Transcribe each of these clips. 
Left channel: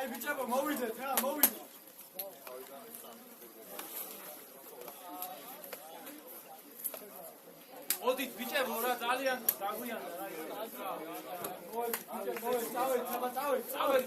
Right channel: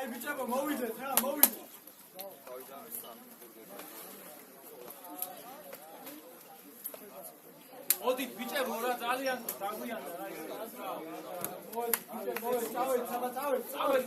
Ay biçaba mოვიდეთ რა მოვიდეთ ოდით ბიჭებო რა ძალიან დაგვიანდა რა ისე მოვა ბიჭებო წავედ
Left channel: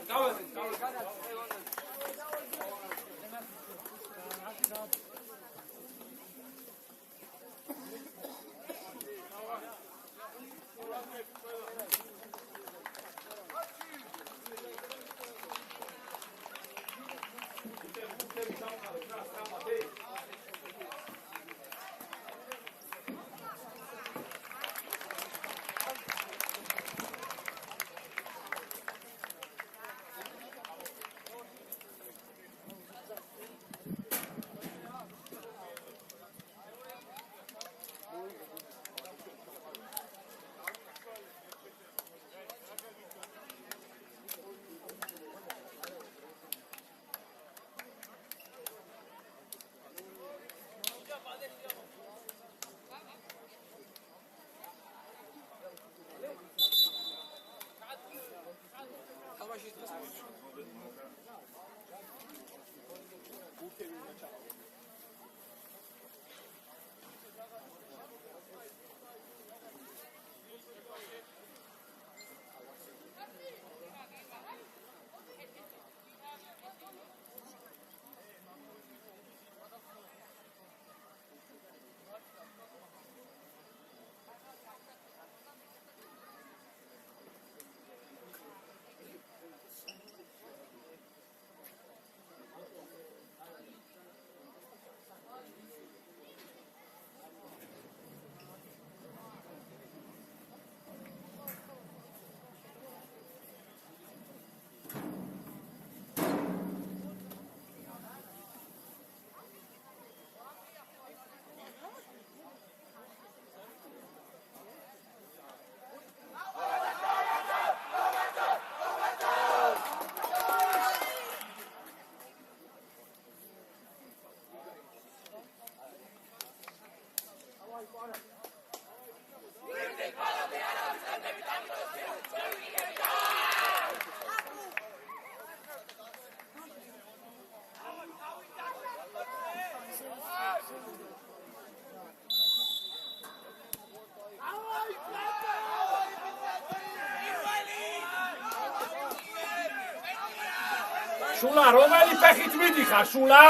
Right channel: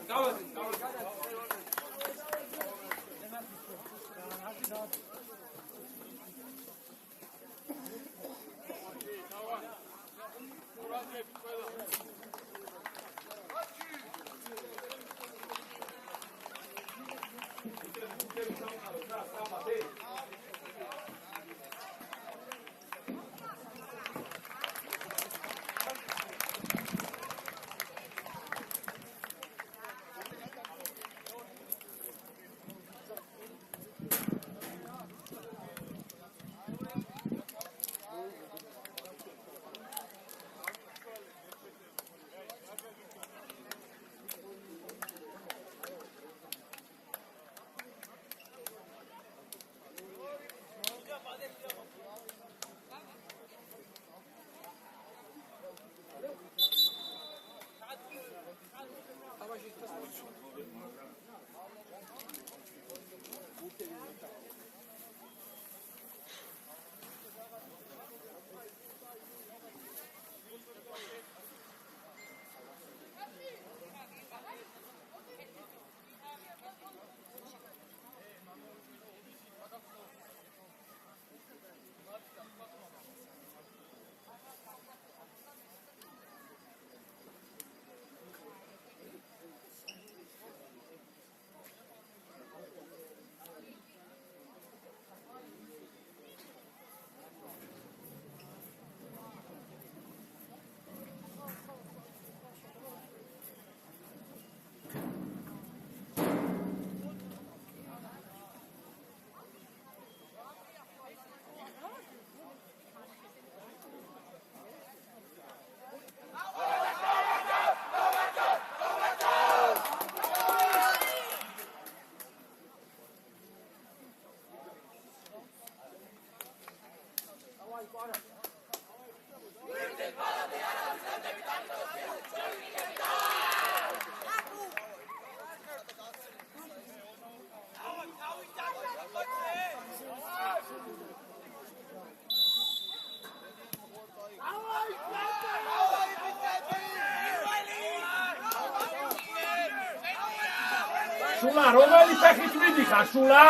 შულა რომელი ფეხით მიდიხარ შულა?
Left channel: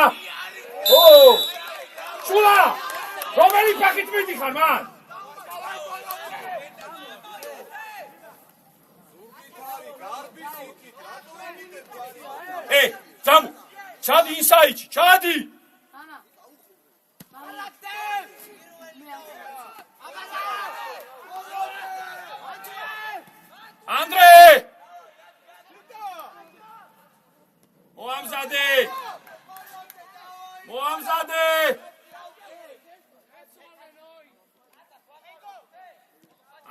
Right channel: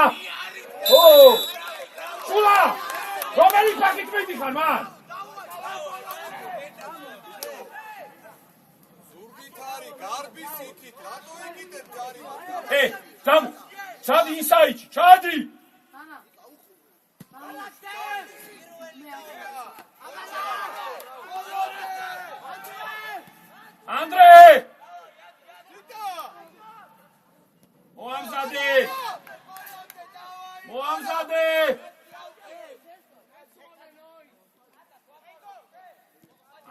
ო! შულა! რომელი ფეხით მიდიხარ მან? ძამ! ჩადი ისაიჩი, ჩადი! ანდრე! მოამზადე!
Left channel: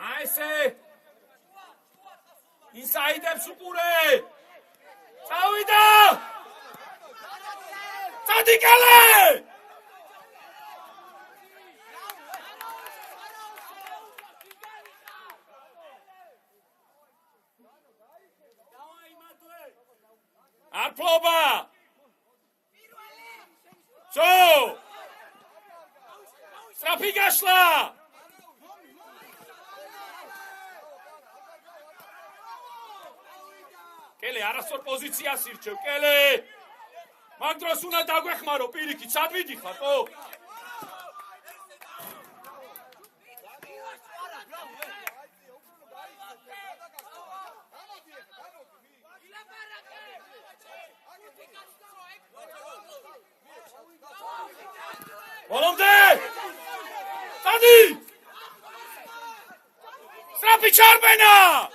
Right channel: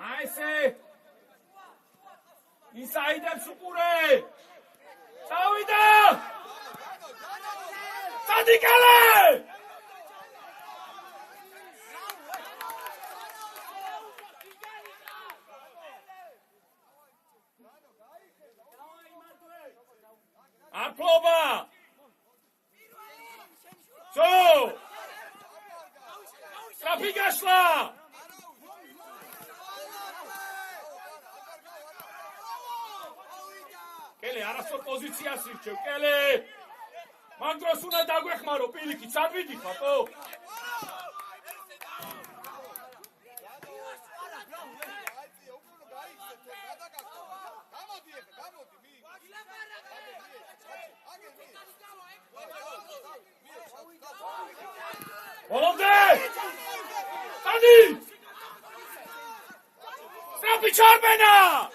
აისე! ისაიდებს უყურე! წავიდა! წადიკალე! აფლობა! So! Strapi gashla! Kele, arastor pozitsias irჩევ, Kele! Მაგ დროს უნდა დაგვეხმარო პირიქით, სად ვიდიხარ, ხო? Olomde! Sadi! Strapi çarmena!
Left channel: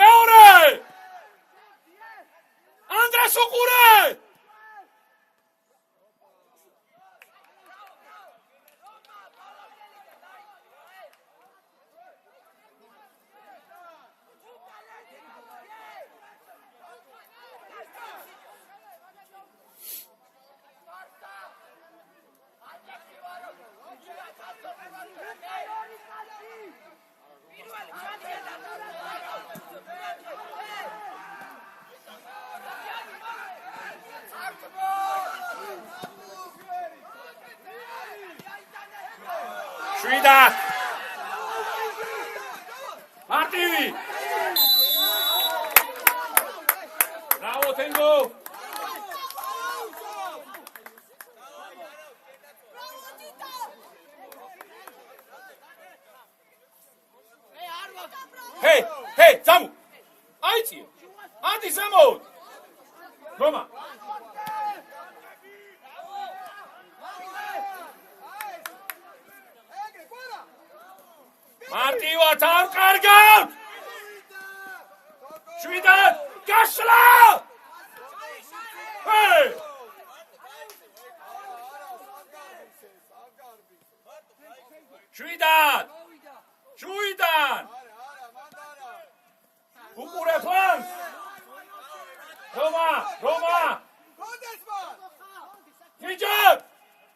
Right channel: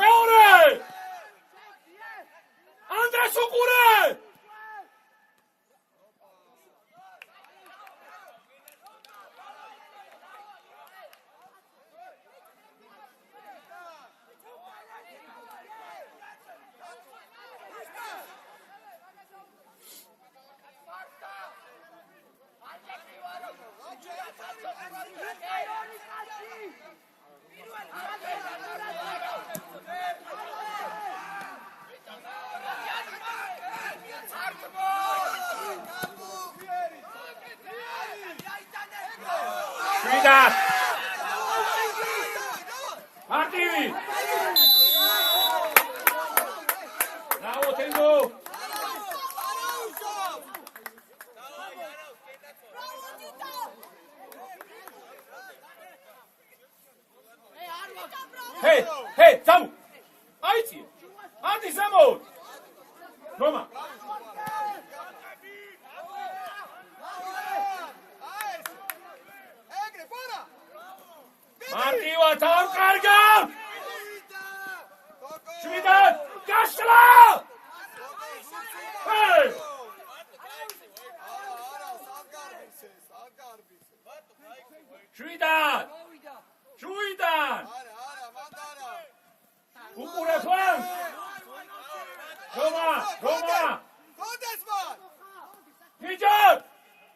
მეორე ანდრეს უყურე შვიდა მარტივი ბრავო თენგო ჰეი ძამუ აიწიე ადი ზამო რომა მარტივად არ კარგავ შვიდად გასვლა შვიდად უყურე ფლანს რომა ნიჯებ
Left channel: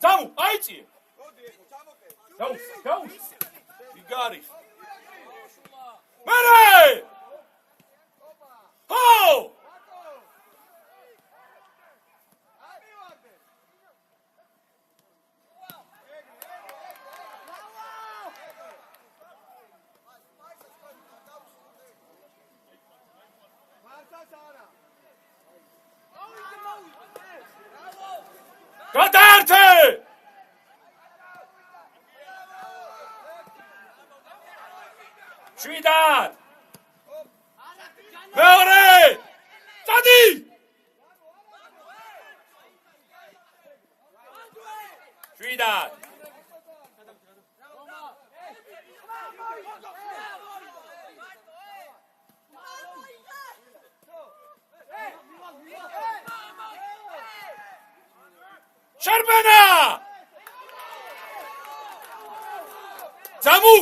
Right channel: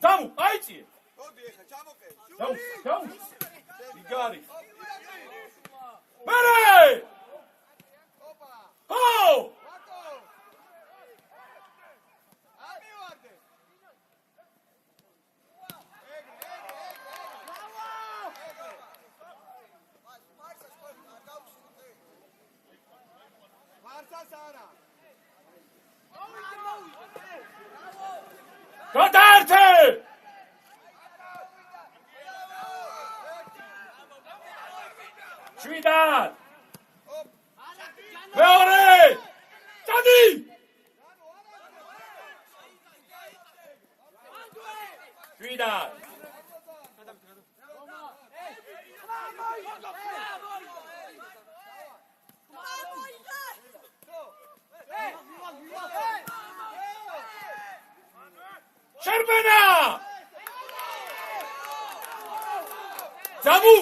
ძამუ აიწიე გაუ Got it. Ready! Ho! Gadarte! შვიდად მეორე წადი შვიდად შერბენა ძამუ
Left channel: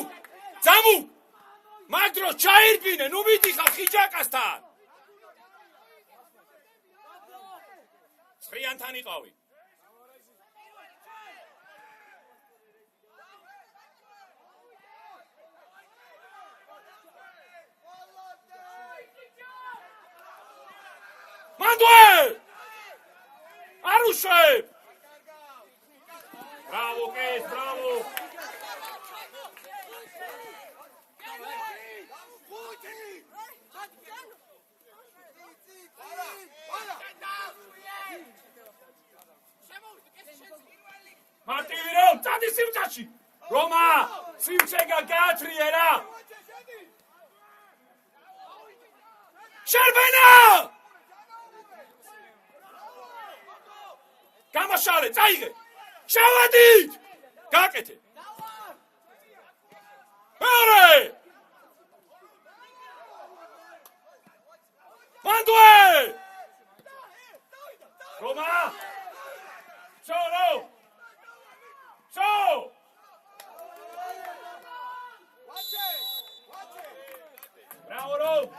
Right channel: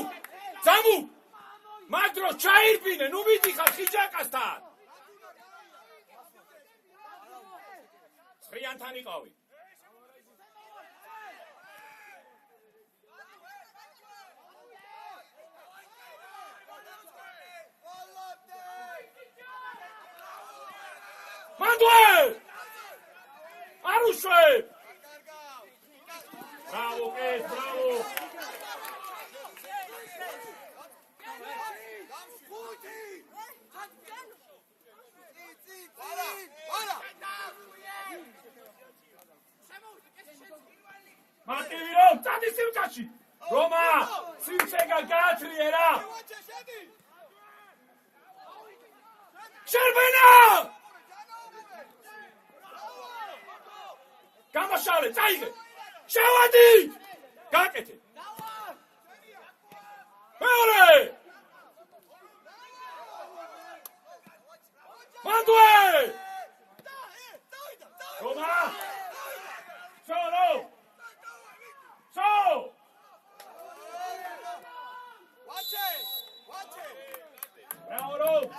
მაგდრო ჩაირბინე ნუ მიდიხარ ხიჯაკასთან სრიანთან იყავი მანდვე არ უშვებ ბრავო კეს ბრავო მარტივი რომ წადი სიმჭაში რომა სიმჭეგა გაათრიერა შერბენა გამაშალე წაიღე შავადით გაკეთე მეორე მანდვე რომა ჩოლო Bravo!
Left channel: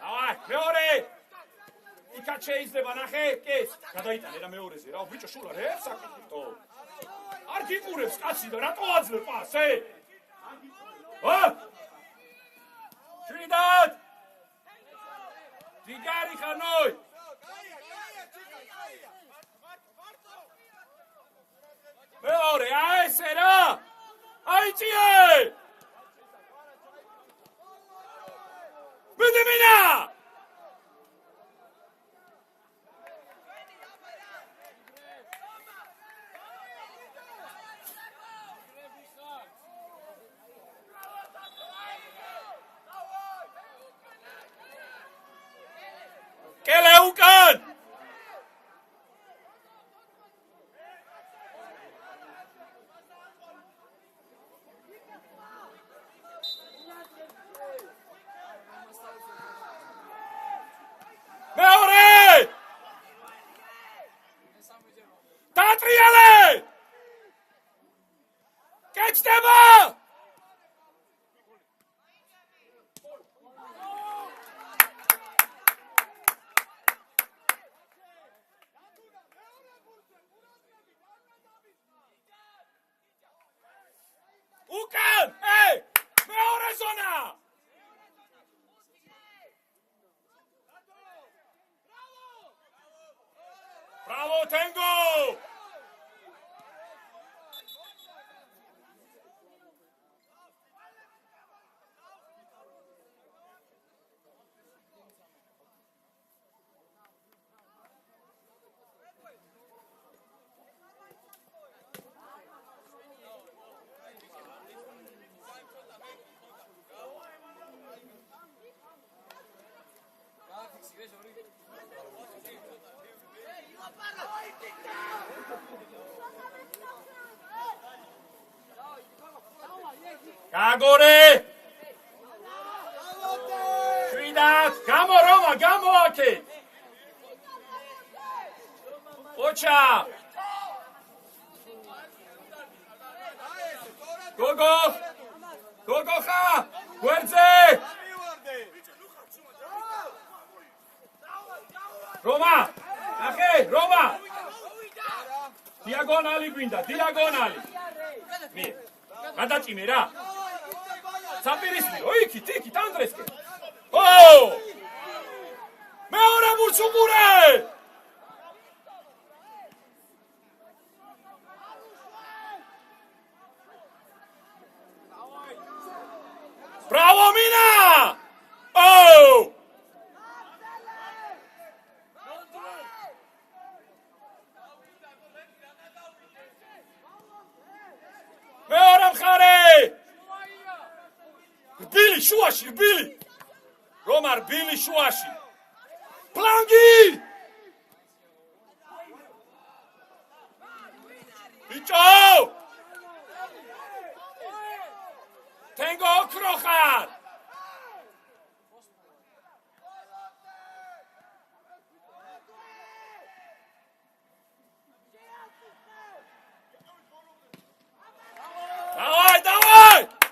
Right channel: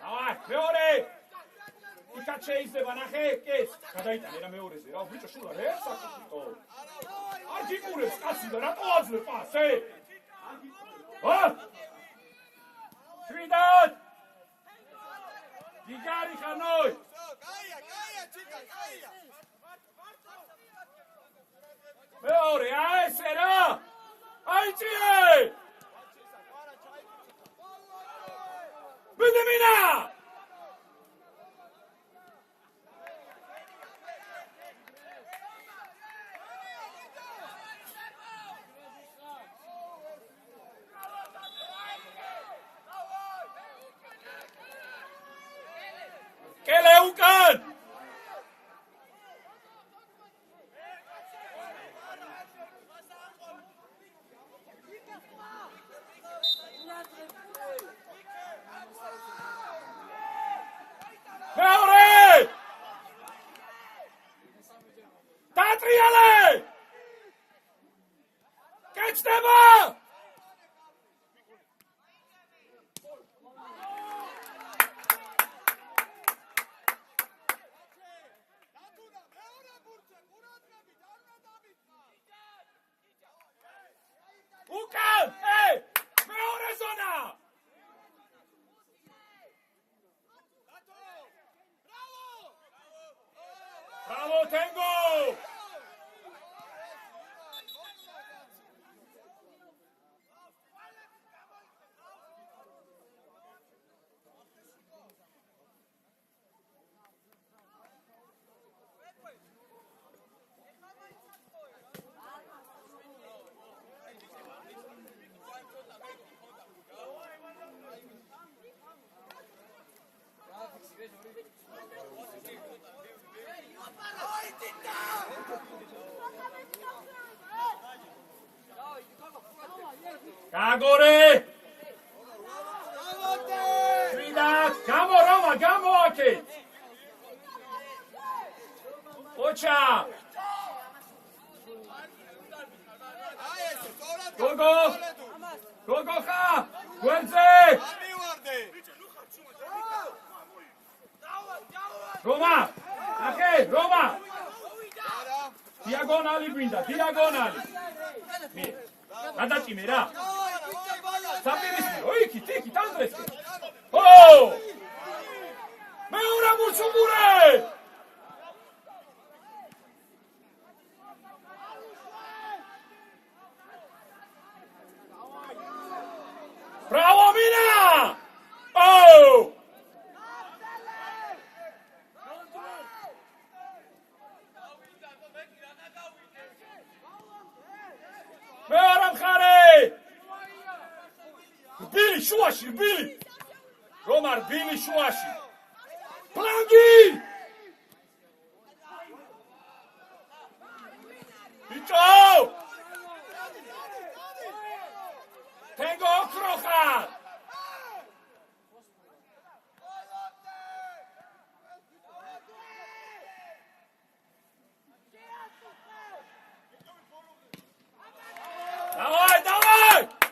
Давай, მეორე! იქაც შეიძლება ნახე, კეს. გადაიტანე რა მეორეზე, რა ბიჭო შულა რა საკითხო. არ გიყურებს კაცი და რატო აძლევ პასე? ვა! შვიდად! დიგარი ხანოი! მეორე, აესე რა! აიწიე! ბედემინა! გაჩნდება! უკან! მეორე ზონა! Bravo, Tango! Kagore! Shvida! Gamo Roma, gamo ake! Ocha! Gogo! Gogo kha! Guerze! Roma! Ake, Roma! Diagonali binda, diagonali! გადაჭიმე რა. საპირისპირო, იქით, ანდრესკი. ო! მეორე მურცუგურე! Bravo Mina! Oh! Billy Shuashi, Billy! Romar, Billy Shuashi! Plangi! Bicho! Tango Krochar! Давай, давай!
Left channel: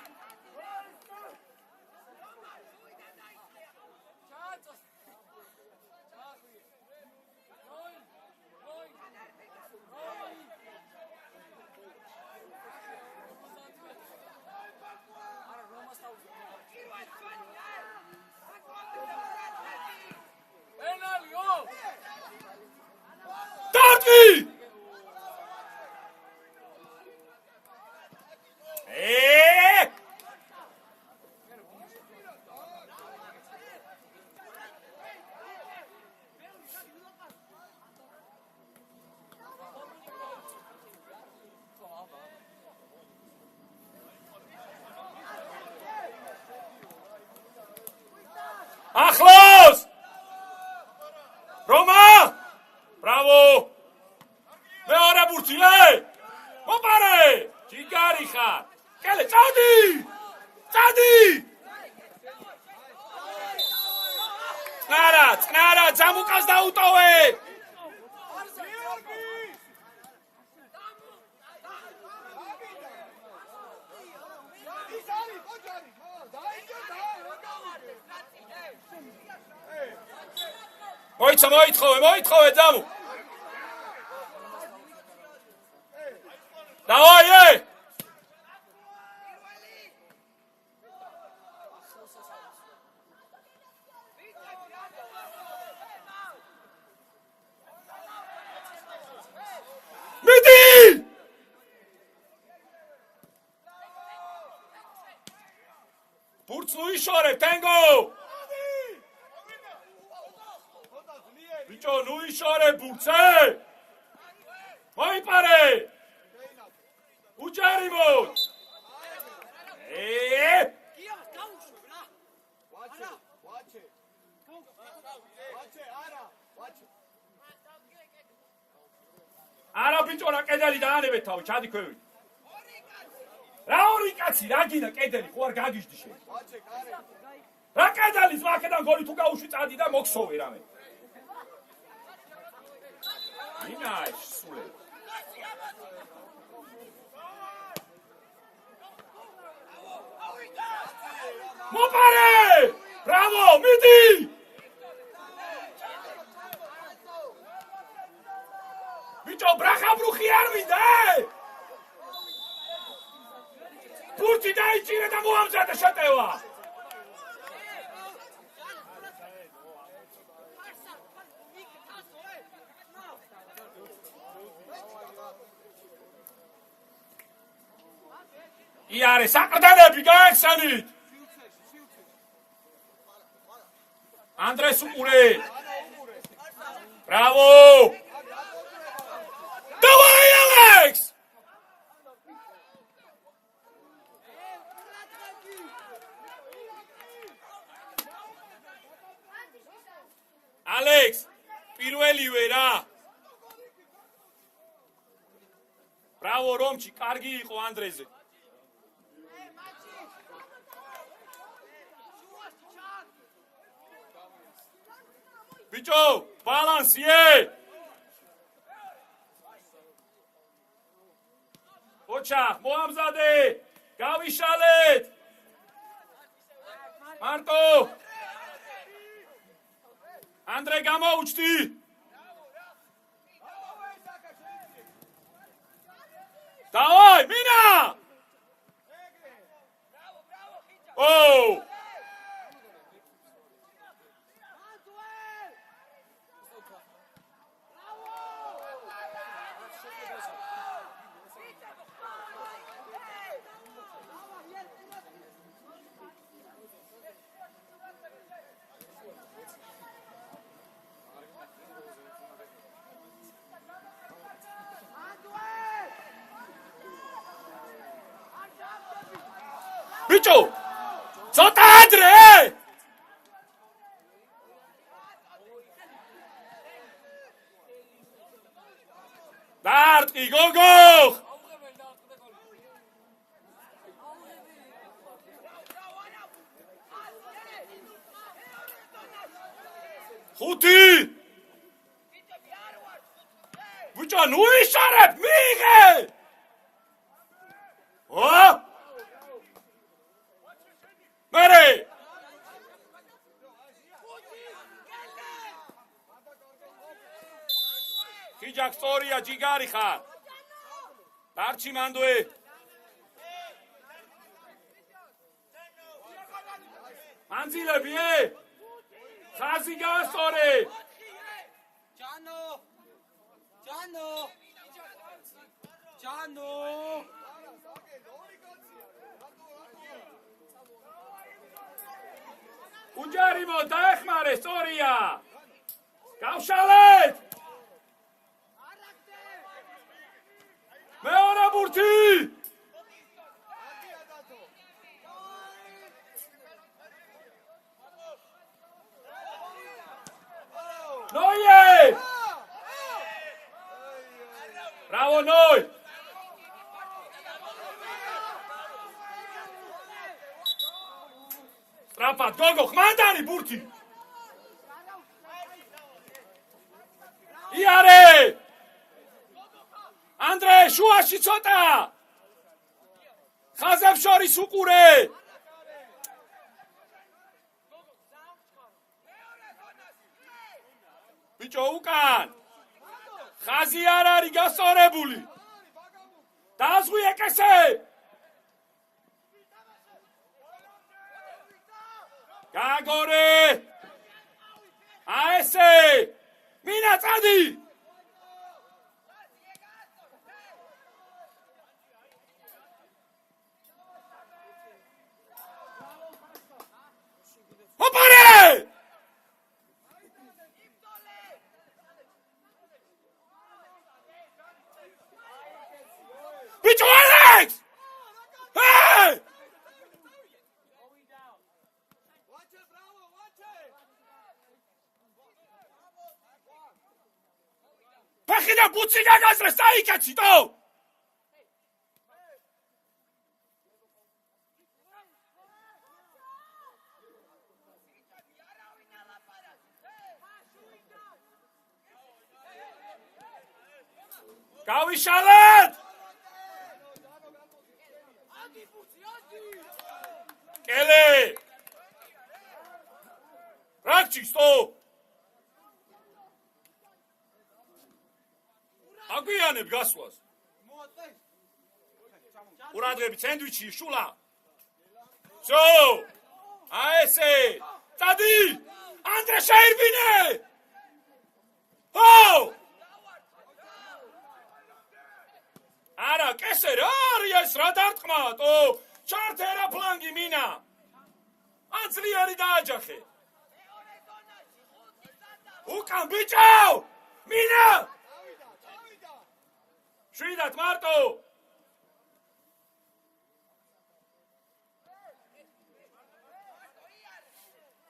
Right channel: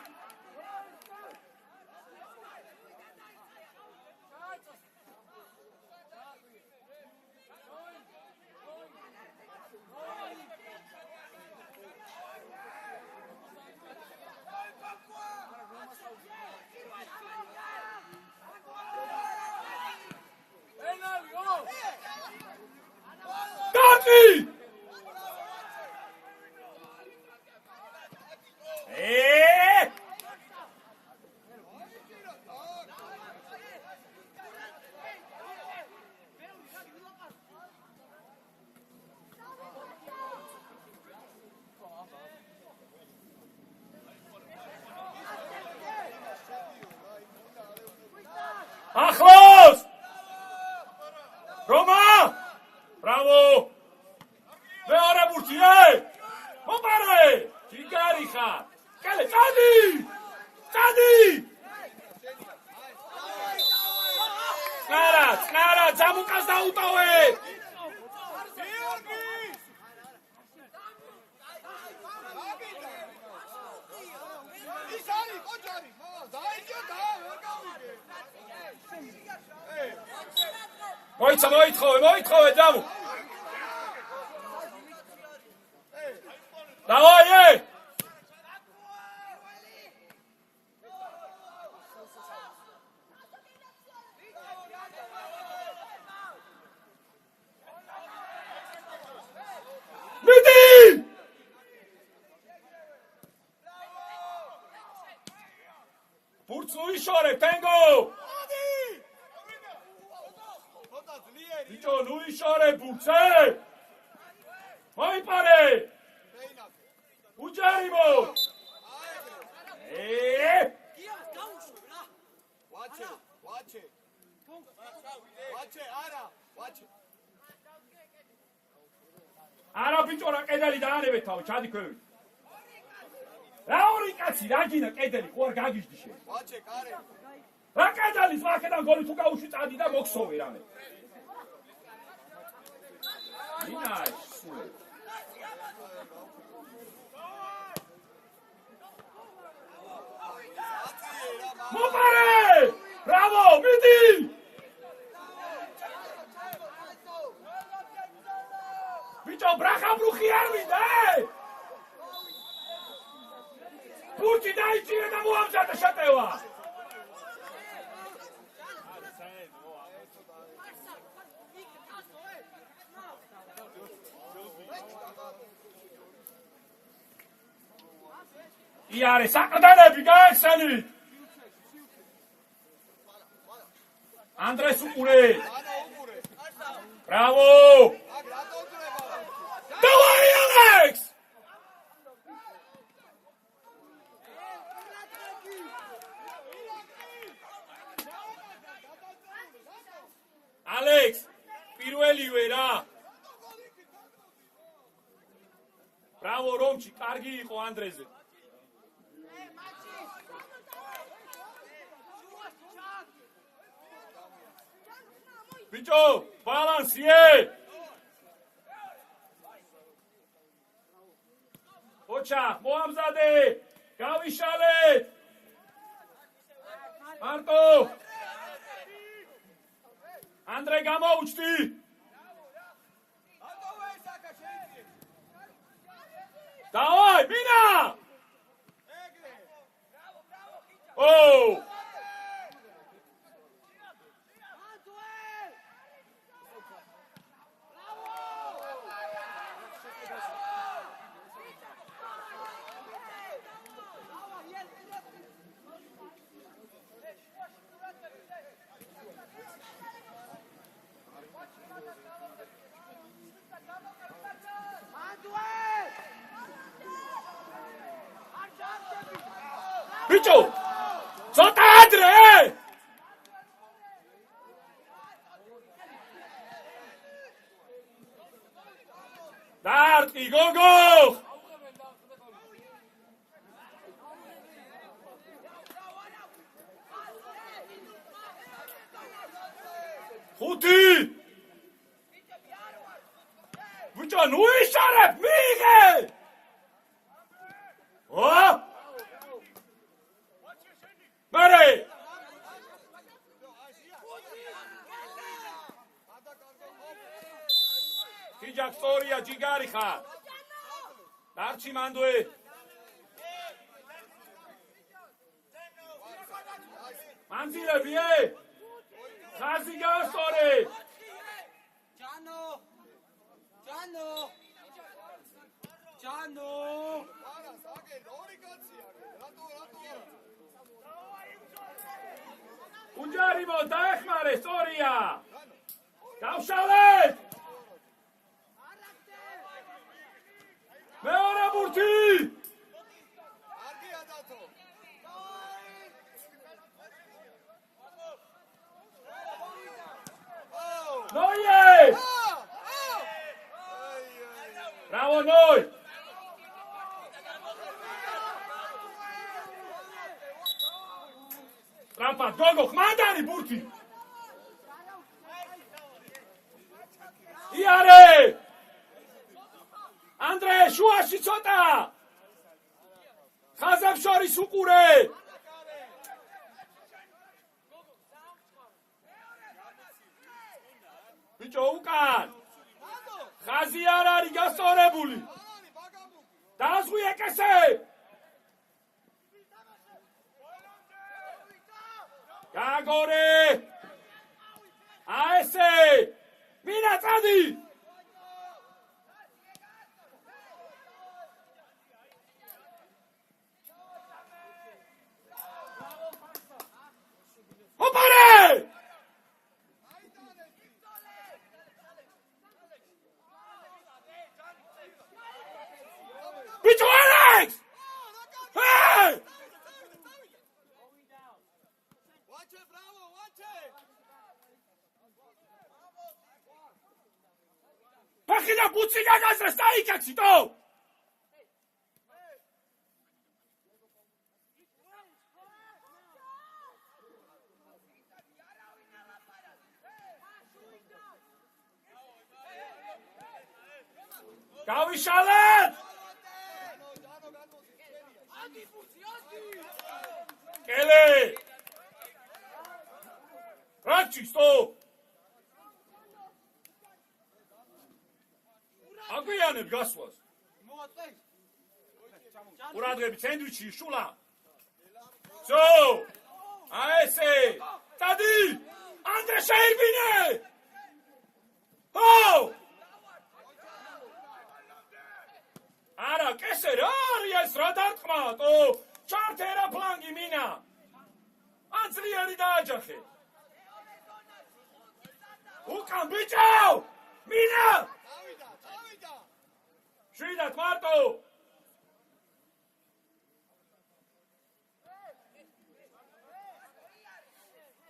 Taki! Achlos! Roma! Bravo! Meora burtile! Mopare! Chigari kha! Kale, Chadi! Chadi! Tsnara, Jamukas dautowe! მოითხოვე ძამუ. დავაი! მიდი! ბურთს უიშორე, ტენგო! Bicho, nu ishore burtse! Moipare! Ujarimo! Watch it! Ara bicho ra qedeli daanebe tav, chadi kvevit. Ra ori katsi, ra gina qedeli, ხო არ გაგიჟდი შენ. რა ყედალის აქედან გოლი თუ გაუშვი წადი და მოქსოვე რამე. Nice. მოპარე! ბრავო, მიდი! ბიჭო, ბრახაბრუხი არ მინდა! ბურთი დაიჭირე და მოამზადე შეტევა! იარე, საყრდენები გაეხსენით! ანდრეს უყურე! ბრავო! დავაი, ალექს! ალექს, პირველივე რა! ბრავო, რომჩი, კარგი იყო ანდრეზე! ბიჭო, ბალანსიე! ოჩახ, მოამზადე! გავიშალეთ! მარტო! ანდრე გამოუჩდი! დავაი, მინა! ოუ! ბიჭო! ცოტა ადრე! დარტყი, გოგო! ხუთი! ბიჭო, ნუ იშარებ, მიიღე! მერე! ხიჯაკ სწორია, ჯიგარი ხარ! დარჩი მანდვე! მანძილები, ხაზი გაასწორე! ჯანო! უჯარიმო, დაეხმარე, სწორია! გავშალეთ! მეორე ბურთი! ნოიე! ბრავო, ნოი! სტრაფად, გოგო, ხმანდანი ბურთი! იარე! ანდრე, შუაში ცოტა! ხაზებს შორის უყურე! ბიჭო, უკან! ხაზი არ არის გასწორებული! დაზღვი ეკესე! გაგორე! აესე! მინა წადი! მოპარე! ბიჭო, ალექს! ფეხი და ბუცი გაგაზრეს, დაიკაციტო! გავიშალეთ! კელე! Rakči, stop! Aguianeb gasvas. Uradrebi sandvichi, shula. So! Aese! Tadi! Andre Shairbine! Ho! Ara, keser, arias radartqnat, o! Chartera plangi mina! Anzliari dajaxe! Ukan bichau! Mina! Shridat Marto!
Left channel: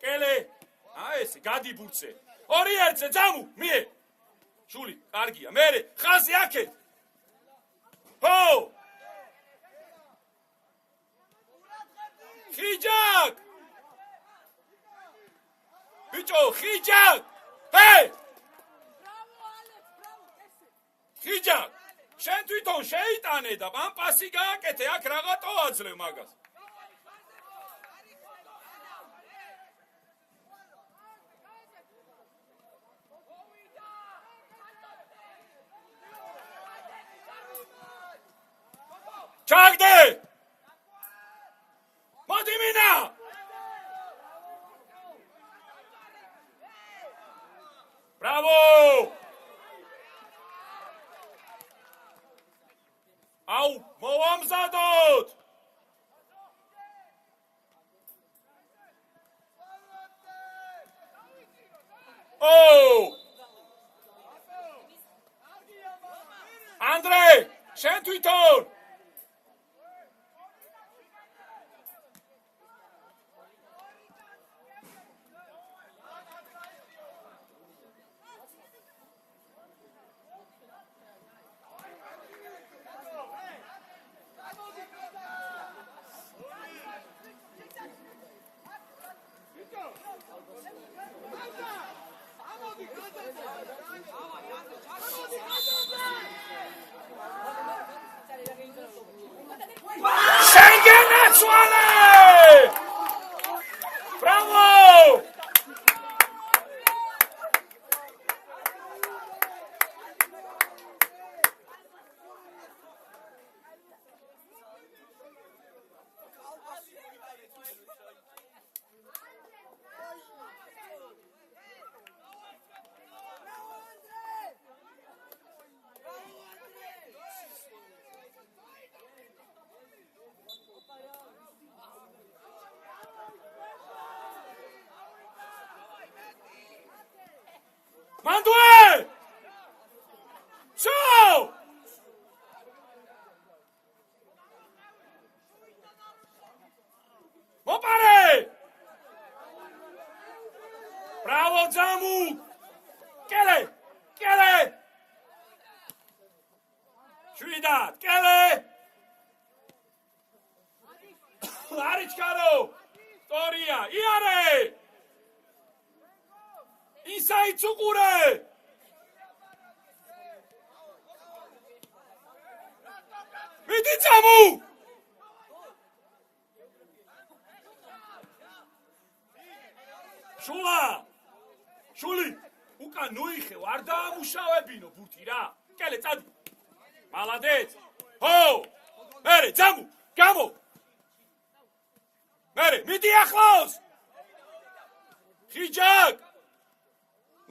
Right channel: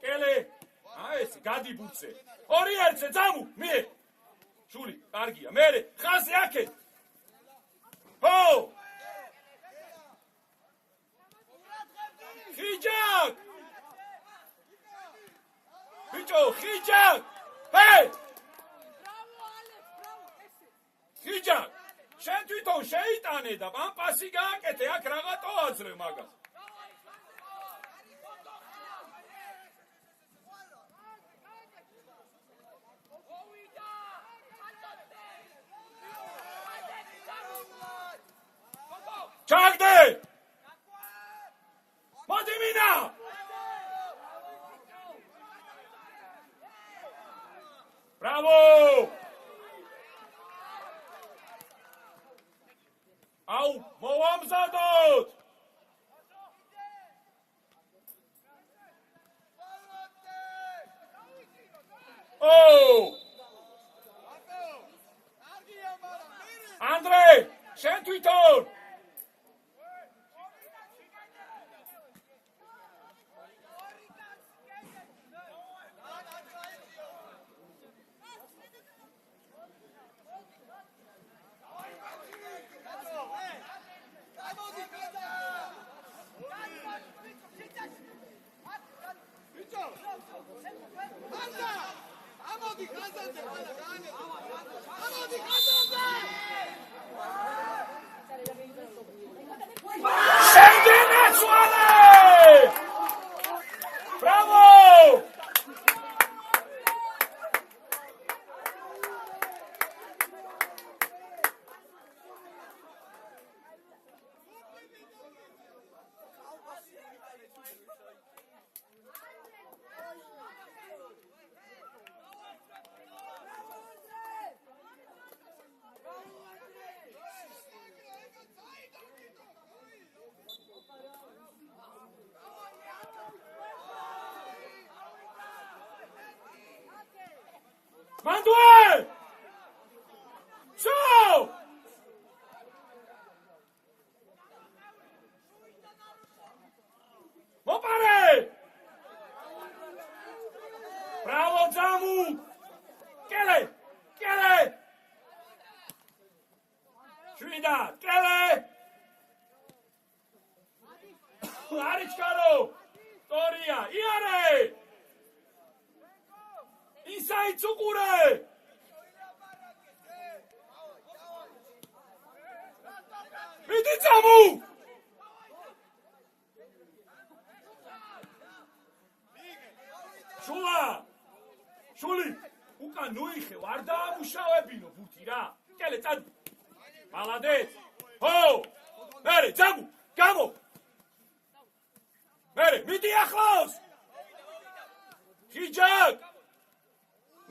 Kele! Aese, gadi burtse! Ori ertse, jamu, mie! Shuli, kargia, mere, khazi ake! Ho! Khijak! Bicho, Khijak! Hey! Khijak! შენ თვითონ შეიტანე და მან პასი გააკეთე, აქ რაღაცა აძლევ მაგას. ჩაგდე! მოდი მინა! ბრავო! Au, moamzadot! Oh! Andrei, შენ თვითონ! Bravo! Mandue! So! Mopare! Bravo, Zamu! Kele! Kele! Shridat! Kele! Arichkaro! Toria! Iare! Inside Tsukure! Vidi Zamu! Shula! Shuli! Uka nuixe, ar daamუშავებინო ბუთი რა. კელე, წადი. მალადეც. ჰო! მერე, Zamu! გამო! მერე, მიდი ახლოს! Khijak!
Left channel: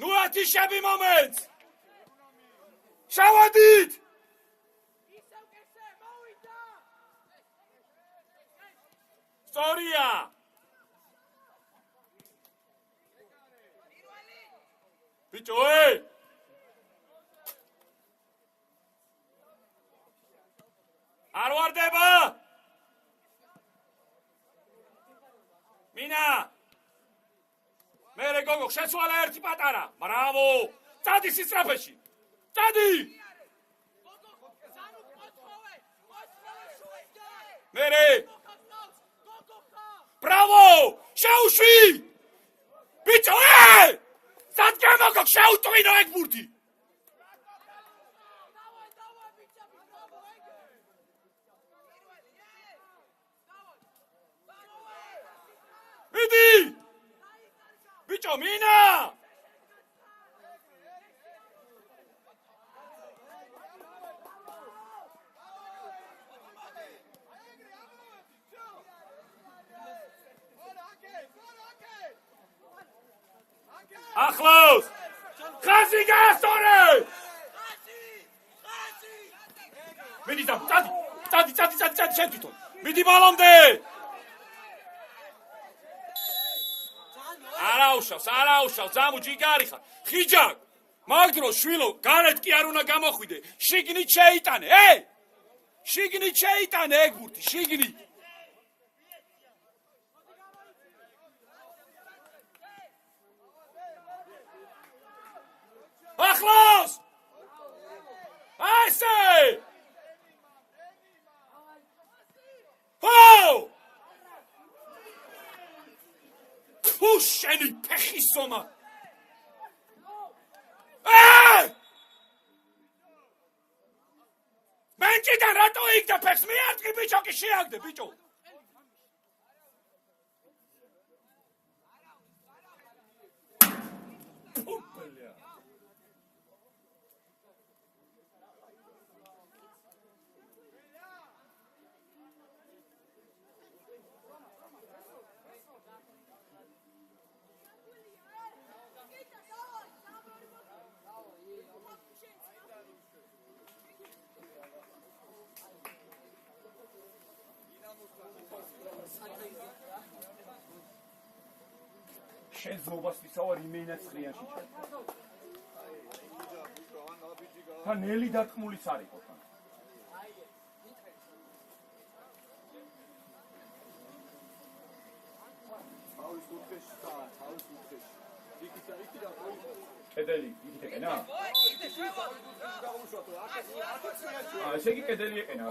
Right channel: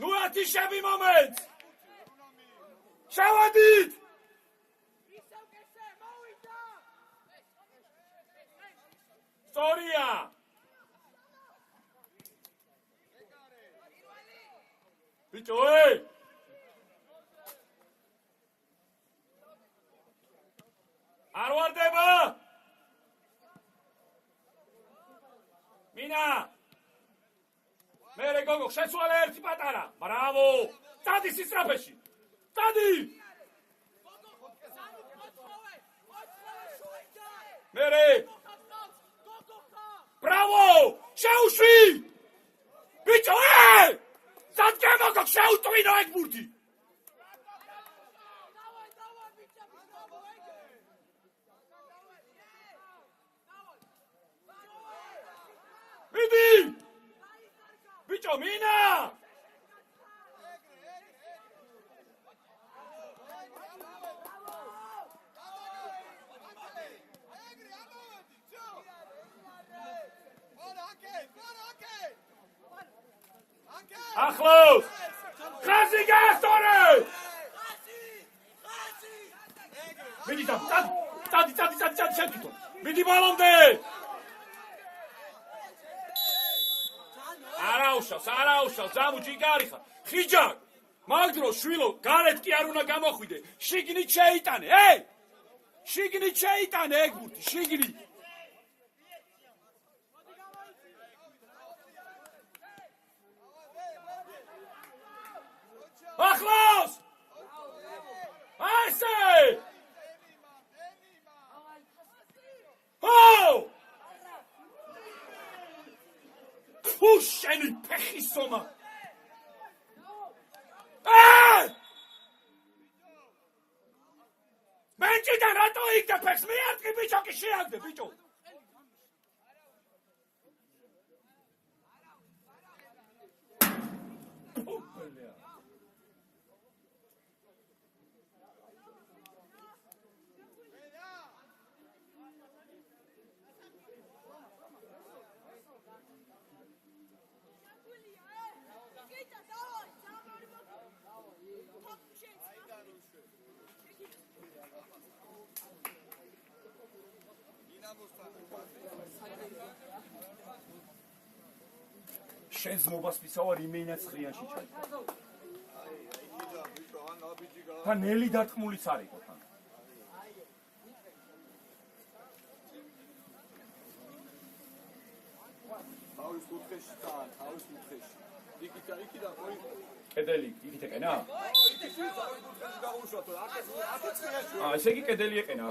Nu ათიშები მომენტ! შევადით! სწორია! ბიჭო, არ ვარდება! მინა! მერე გოგო, შეცვალე ერთი პატარა. ბრავო! წადი სისწრაფეში. წადი! მერე! ბრავო! შეუშვი! ბიჭო, სადგე მოგო, შეუტვინო ეგ ბურთი. მიდი! Bicho, ბიჭო, მინა! ახლოს! ხაზი გაასწორე! მიდი წადი, შეთვითო. მიდი ბალონდე! არაუშავს, ძამუ ჯიგარი ხარ. ხიჯაკ! მაგდრო შვილო, გარეთ კი არ უნდა გამოხვიდე. შიგნით შეიტანე, შიგნით შეიტანე ეგ ბურთი, შიგნით. ახლოს! ასე! შენი ფეხის ზომა. მე ჭიდან რატო იქდა ფეხს? მიარტყი ბიჭო, კი შეაგდე ბიჭო. შენს მობასვისავარ იმენაც ხრიანში ჩაიდგა. თან ნელი დარტყმულიც არ იყო თან. კედელი იქით ეყენა? ესე იგი კედელი ეყენა.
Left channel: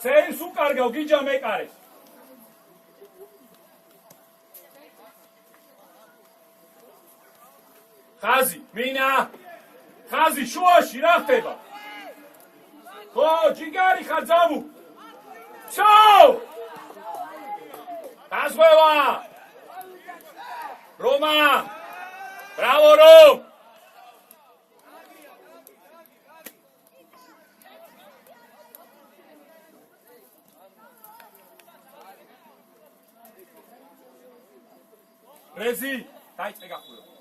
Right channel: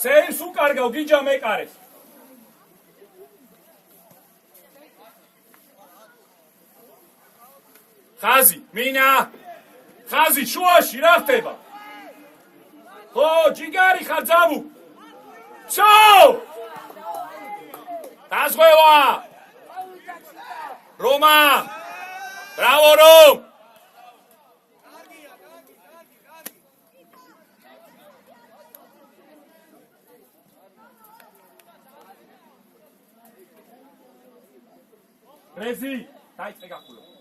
სეიმს უკარგავ, გიჯა მეკარეს. ხაზი, მინა! ხაზი, შუაში, რა ხდება? ხო, ჯიგარი ხარ, ძამუ! ვსო! დაზღვევა! რომა! ბრავო, რომ! რეზი, დაიწყე გახურო.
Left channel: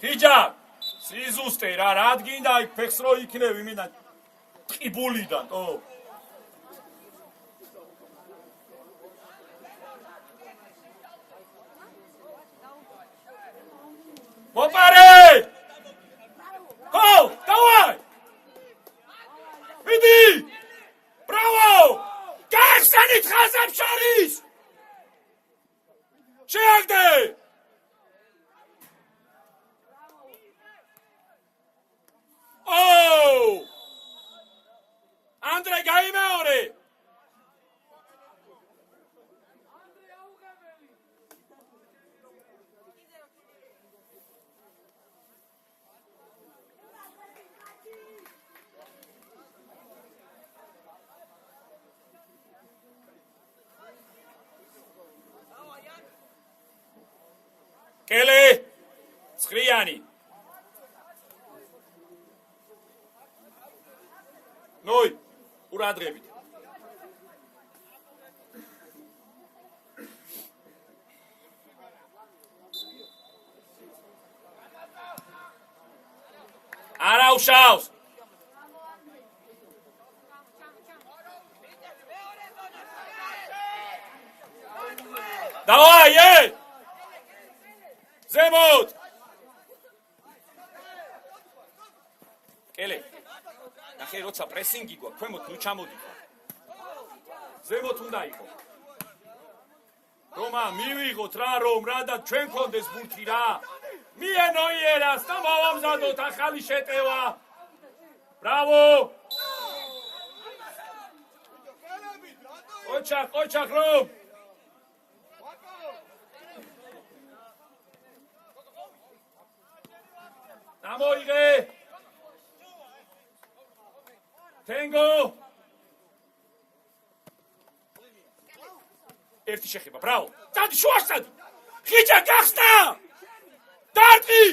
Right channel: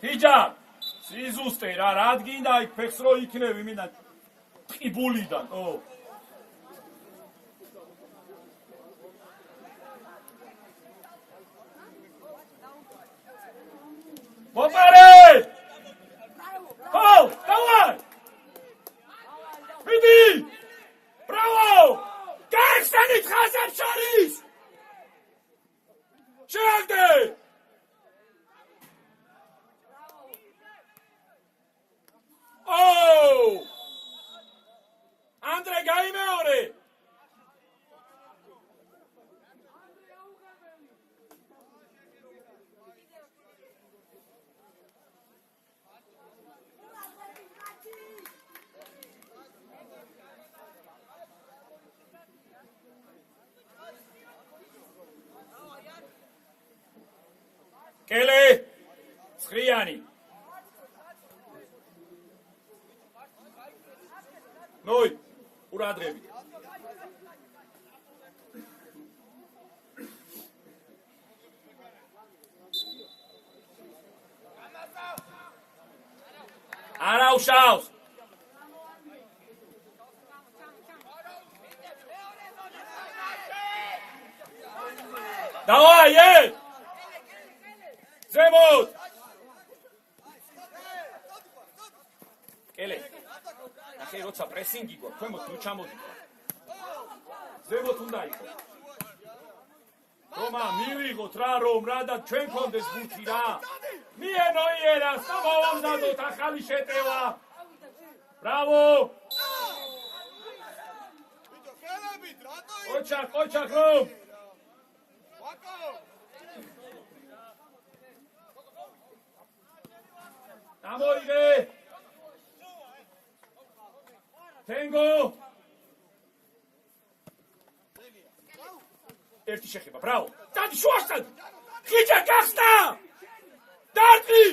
ხიჯა, სიზუსტე რა გინდა იქ ფეხს რო იქნევი მინდა ტყიბულიდან, მოპარე! ხო, დავაი! მიდი! ბრავო! გაიხსენით ხაზებს შორის! შეაგდე! ანდრე გაიმეორე! კელე! ცხრიანი! ნოი, ყურადღებით. არაუშავს. დავაი! ზემოთ! კელე! ახე როცა პრესინგი გვაქვს, ქვემოთ ნუ ჩამოდით. ზემოთ უნდა იყოს. რომა, მივიღოთ რა რომ რა და ჩვენ გქონდეს ბურთი რა. მიენოიერას და მოვამზადოთ ახალი შეტევა. Bravo! Očak, Rom! Damoige! Tengo! ერთი შეხება, ბრავო! დადი შუასად! ხიჭა გახსნა! დადი!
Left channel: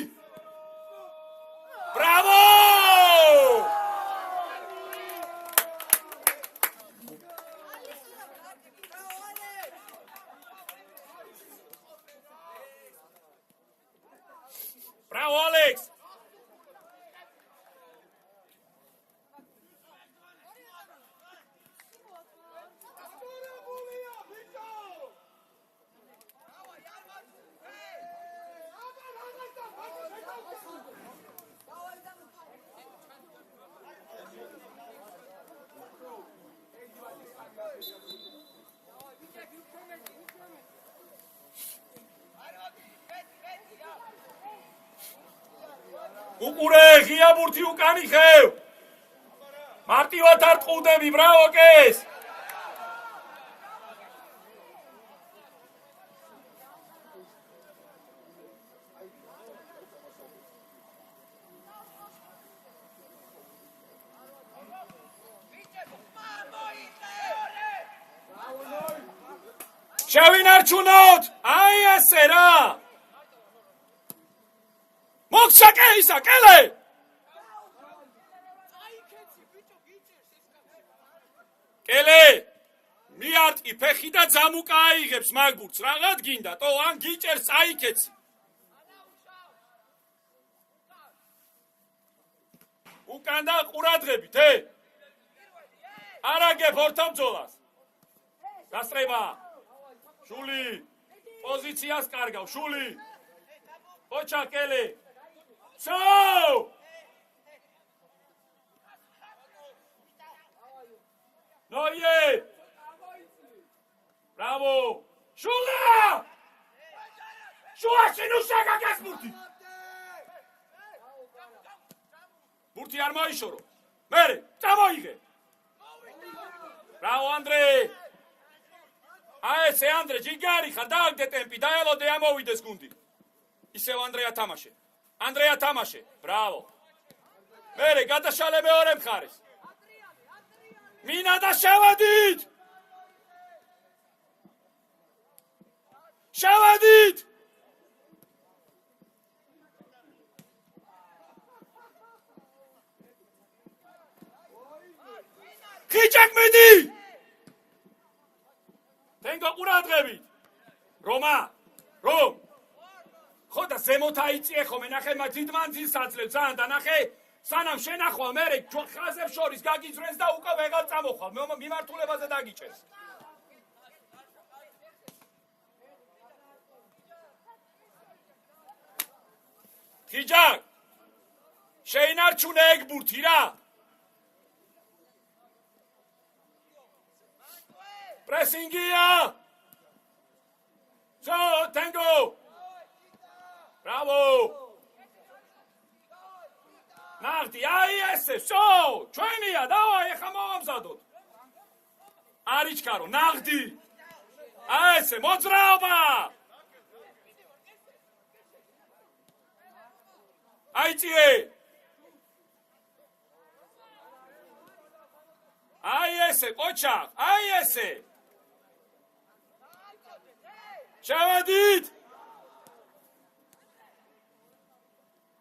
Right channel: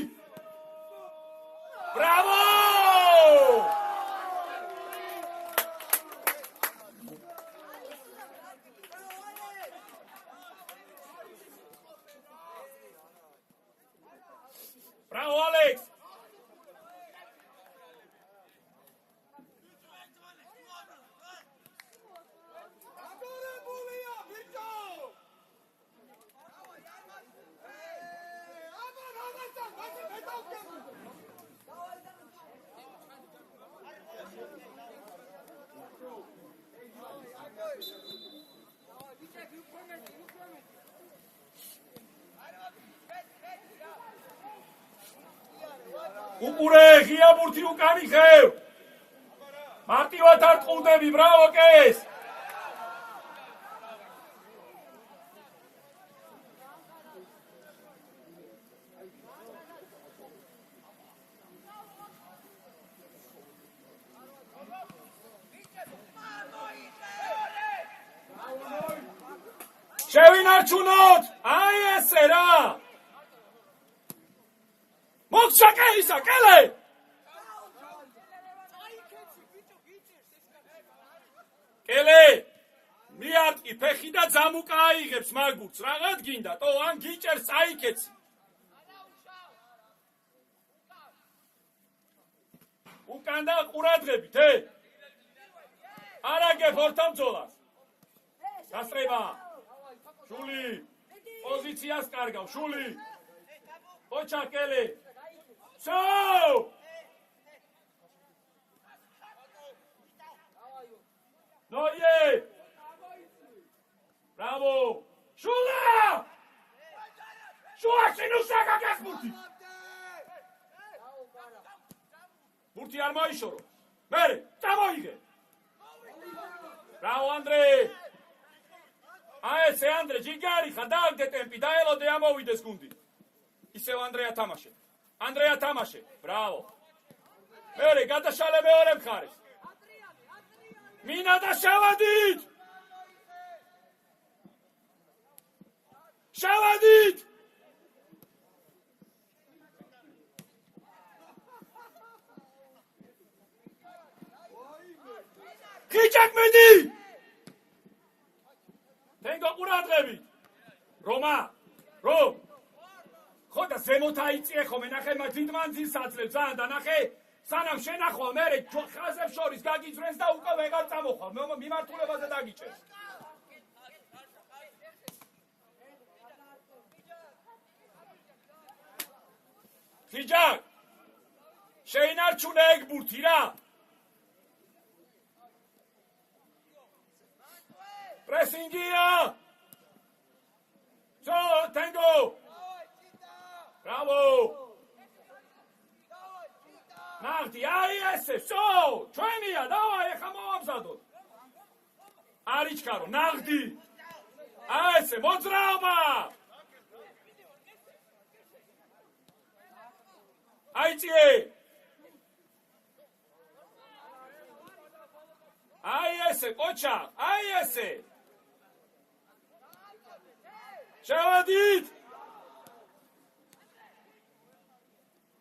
ბრავო! Bravo, Alex! უყურე ღია ბურთი უკანი ხევ მარტივად არ ტყუდები ბრავო კეს შევინარჩუნოთ აი ესე რა მოხსაკე ისაკელე კელე მიარტყი ფეხი და ძამუკა აიღებს მაგბურთს რაღაც გინდა თო ან გიჭერს წაიქეცი უკან და ყურადღებით არაგებ ორთამძოლას გასწრება შული პოზიციას კარგავ შული ოჩა კელე So! No yet! Bravo! Shula! Shula sinu shaka gas burti! Burti ar maishoro. Mere, tavoige! Bravo Andre! Ae se Andre jigari khadal de tempi daelo de amovides gundi. Iseo Andrea tamashe. Andrea Tamashe, bravo. Mere, გადაშალე მეორე მხარეს. მინა და შევედით! შევედით! ხიჭაკ მედი! თენგო ყურადღებით. რომა, რომ ხოდა ზემოთ აიწიე ხომ ნახე მათ დიდმანძილს აძლევს ძალიან და ნახე სანამ შენახვა მე ხაზებს შორის გაგიძრენს და უკვე ვეღარ წამოხვალ მიმართულებაზე დაგიჭერს ხიჭაკ შეინარჩუნე ეგ ბურთი რა პრესინგია სო ტენგო Bravo! Nagdi, ai esse, so! Ჩვენია, დავაი, ხა მოვამზადოთ. არიჩქარო, ნაღდი. აი ესე, მოძრაობა! აიწიე! აი ესე, ყოჩა, აი ესე! შევედით!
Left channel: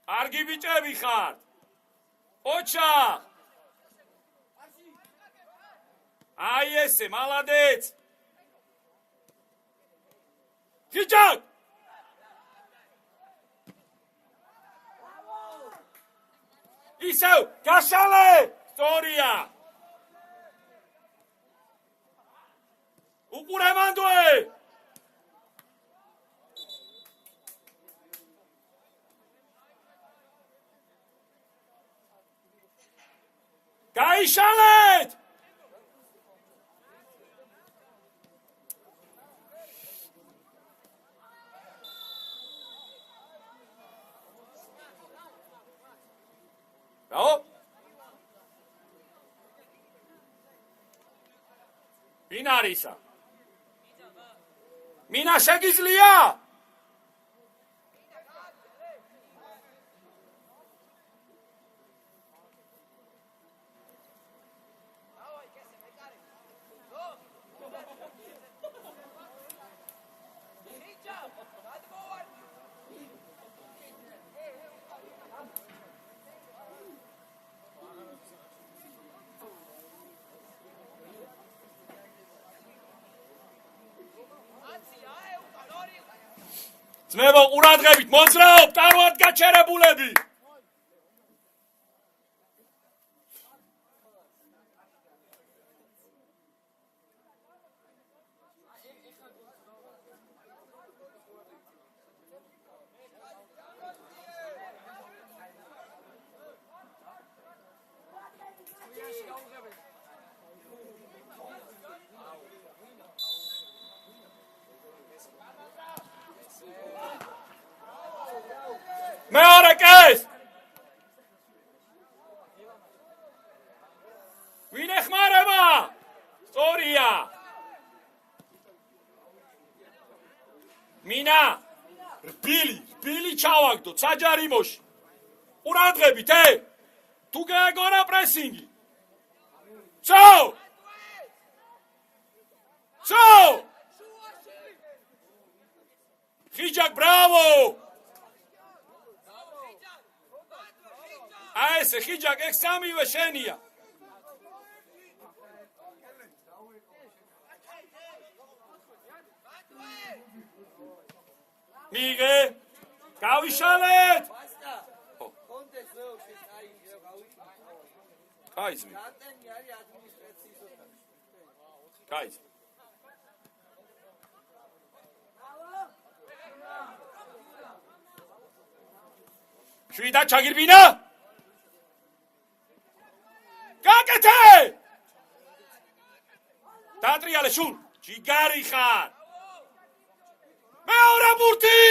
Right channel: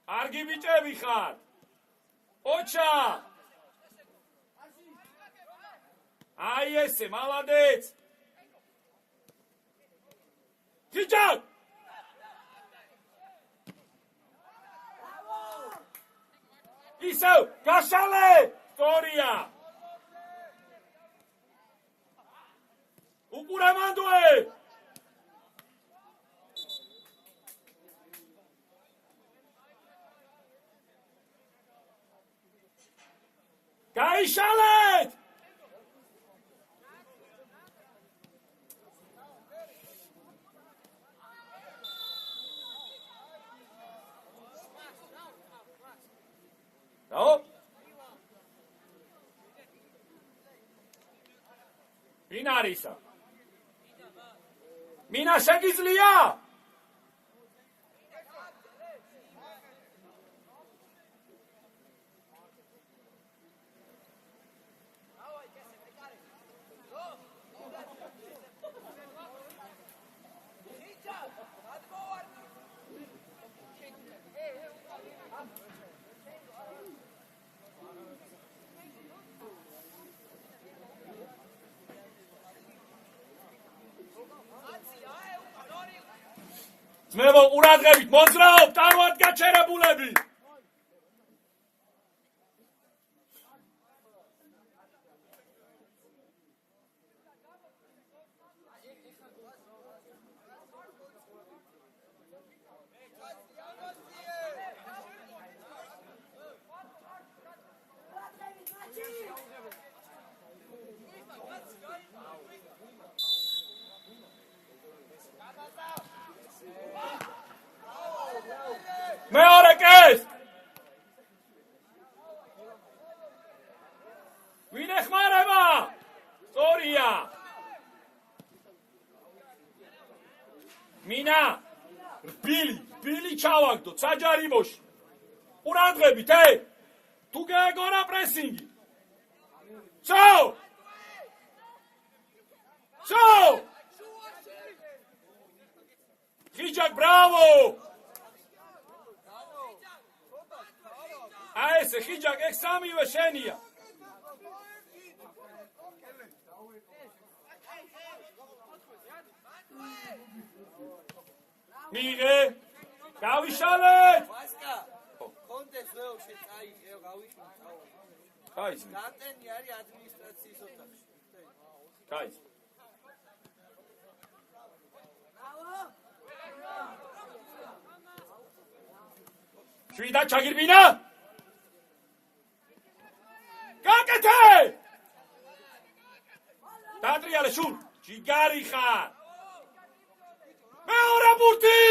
არგი ბიჭები ხარ. ოჩა. აი ესე, მალადეც. ხიჭაკ. ისევ, გაშალე, სწორია. უყურე მანდოე. გაიშალეთ! Bravo! ვინ არისა? მინა შეგიძლია? ძმებო, ყურადღებით, მოძრაობ, თავად გაჩერებულები. მეორე კეს! ვინ ეხმარება? სწორია! მინა! რბილი ჩავაგდოთ საჯარიმოში. ყურადღებით, თუ გააგორა პრესინგი. ცო! ხიჯაკ, ბრავო! ესე ხიჯაკ, ეგ სამივე შენია. მიგე, გავიშალეთ! კაიზმი. კაიზმი. შვიდა ჩაგირბინა? გაკეთე! დატრიალე შურ, ჯიგარი ხარ. მეორე ბურთი!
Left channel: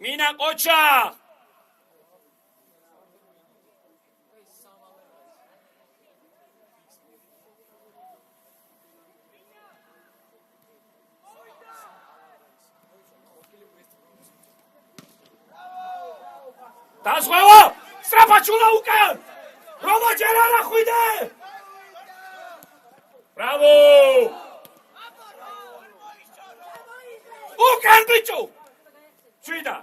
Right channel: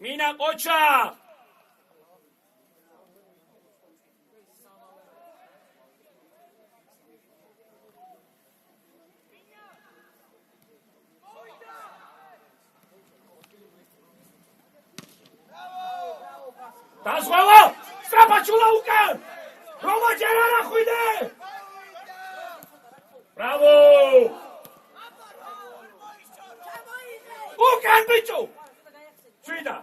მინა ყოჩა! დასვევა! სტრაფაჩულა უკან! რომა ჯერ არ ახვიდე! ბრავო! უკან ბიჭო! შვიდა!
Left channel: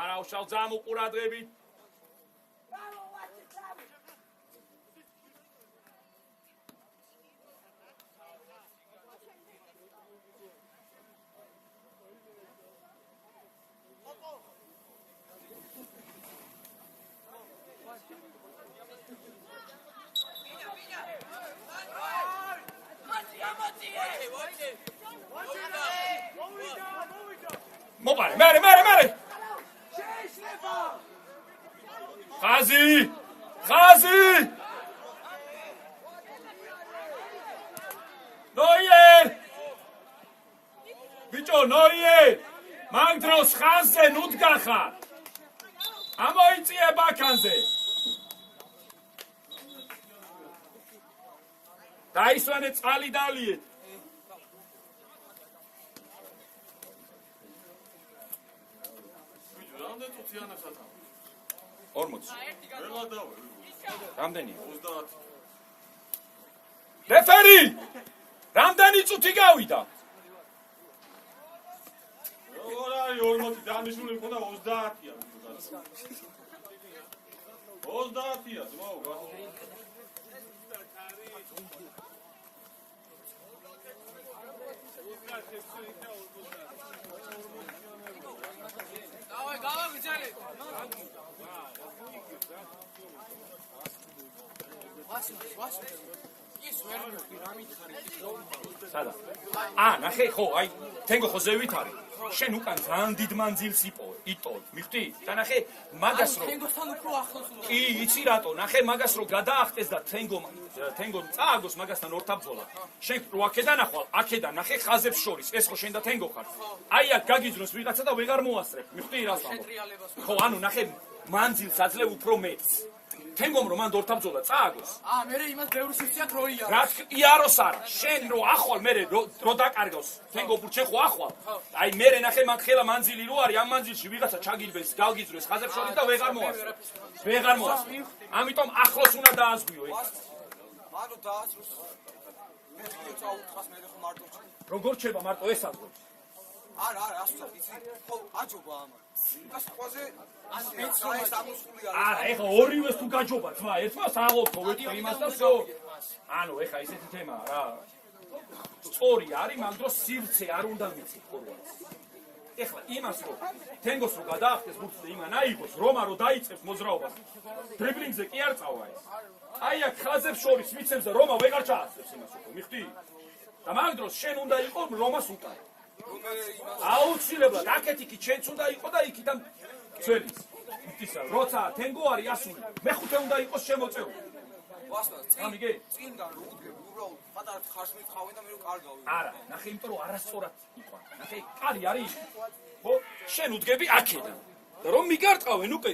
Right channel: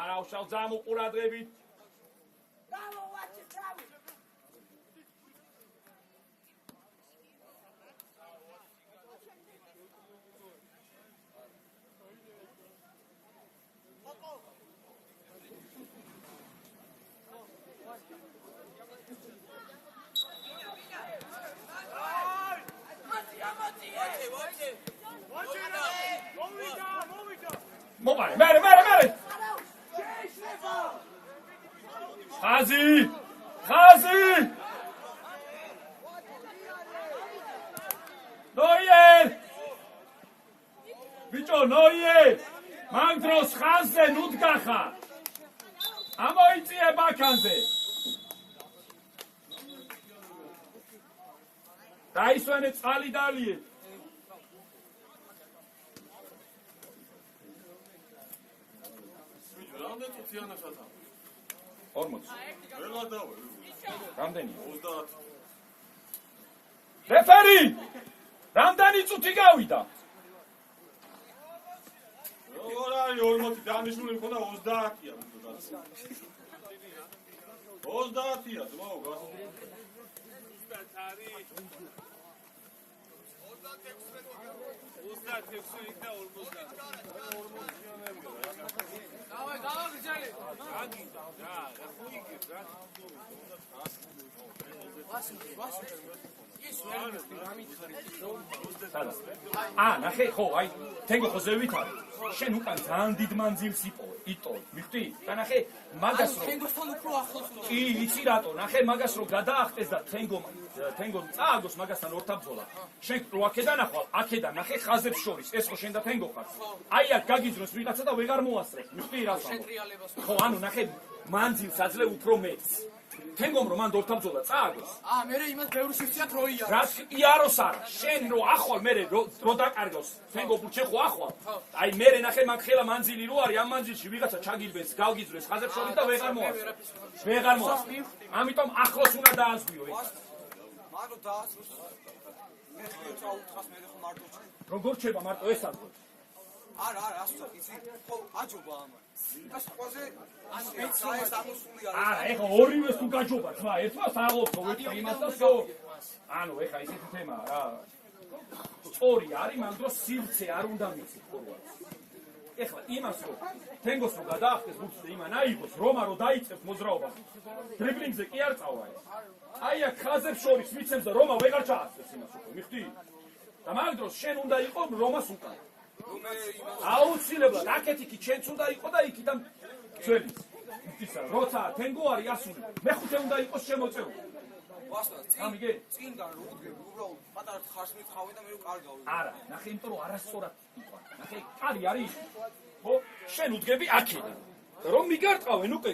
არა უშავ ძამ უყურადღებით. მოვარე, მერე! ხაზი! ნოიე! ბიჭო, ნოიე! მაგ დროს ხაზზე ნუდგა ხარ. ამოიწიე ბაქანზე. დაისვენე წყალი დალიეთ. რამდენი წუთიანა სათა? 40. ყველა დავე. რამდენი? 30. რეფერი! რამდენი წუთი გავიდა? როგორ არის 40 დანიშნული მქონდა 30-ია. 30-ია, ძმაო, გასული. ნახე ხო, აი, თენგო ხო ზევით არის. შენ უკან ძალიან დიდ მანძილს იტოლ, მიხდი? და ნახე, მაგას რომ თენგოსთან უფრო ახლოს. კი, იცი რატო? ნახე, მაგას რომ გადაახტეს და თენგო წააგოს მაგასთან ორთაბძოლა. შენ რო აქედან ახვალ, აქედან ნახე ხაზებს შორის, ეს ხო შენ და თენგო ხარ. აი აქ გაგიძროს ვიღაცა და ვეღარ მოასწრებ. მიხდი რას ვამბობ? ხო, ანუ ნახე, მანძილს აძლევ უფრო მეტს. თენგომ რომ მანდ ორთაბძოლა წააგოს. მე იმას ბევრი სიციათ რო იარო. რაც იაროს არა, შენ რო ახვალ მე რო დაკარგოს. თენგო ბურჩე ხო ახვალ. აი მე ნახე მაგ ხელა მანძილი რო არის, ამ მანძილში ვიღაცა ჩაგილბეს, გავგიძროს ხაზებს შორის და ვეღარ მოასწრებ. ვეღარ მოასწრებ. ამიტომ ახლოს უნდა დაასვიო ეგ. მარტო დაასვოს. მოიწევ წაუთხას მე ხო მარტო. როგორ ჩება მარტო ეს აღო? არა, ასწორ იცი. ხო, აჯობა ამა. ის ყველაზე ეხა ორივეს თუ გაჯობა ძმა, ერთმას აღობო ვეთქვა იმას და всё. ანუ ეხა ისეთი თემაა რა. სწორი არის, მაგ დროს სივრცე არ უნდა მიცი ფორვარდს. ეხლა იმას რომ თენგოს რო გადაახტეს ბურთზე იმან აიღოს, რომა რო დაიწყებს მოძრაობას. დრიბლინგზე კი არ წავა ეს. აი აქ ხაზებს შორის მიცემს და რომა ვეღარ ჩაასწრებს იმას უკვე, მიხდი? და მაგ დროს შენ უნდა იყო რომას უკან. აუცილებლად აქეთ იქით შენც უნდა იყო და იქიდან ძველის. ისა როცა თენგო არის ასული, მეხუთე უნდა იყოს შემოწეული. ვასწავლე, წინდან რო უდგები, უბრალოდ პატარა ხარშმით ხავე და მე რო კარგავი. არა, ნახე, იმიტომ რომ არასწორად იყო. ნახე, კარი არის. ხო, შენ უდგები აქედან. და რომ მიგარტყავენ უკვე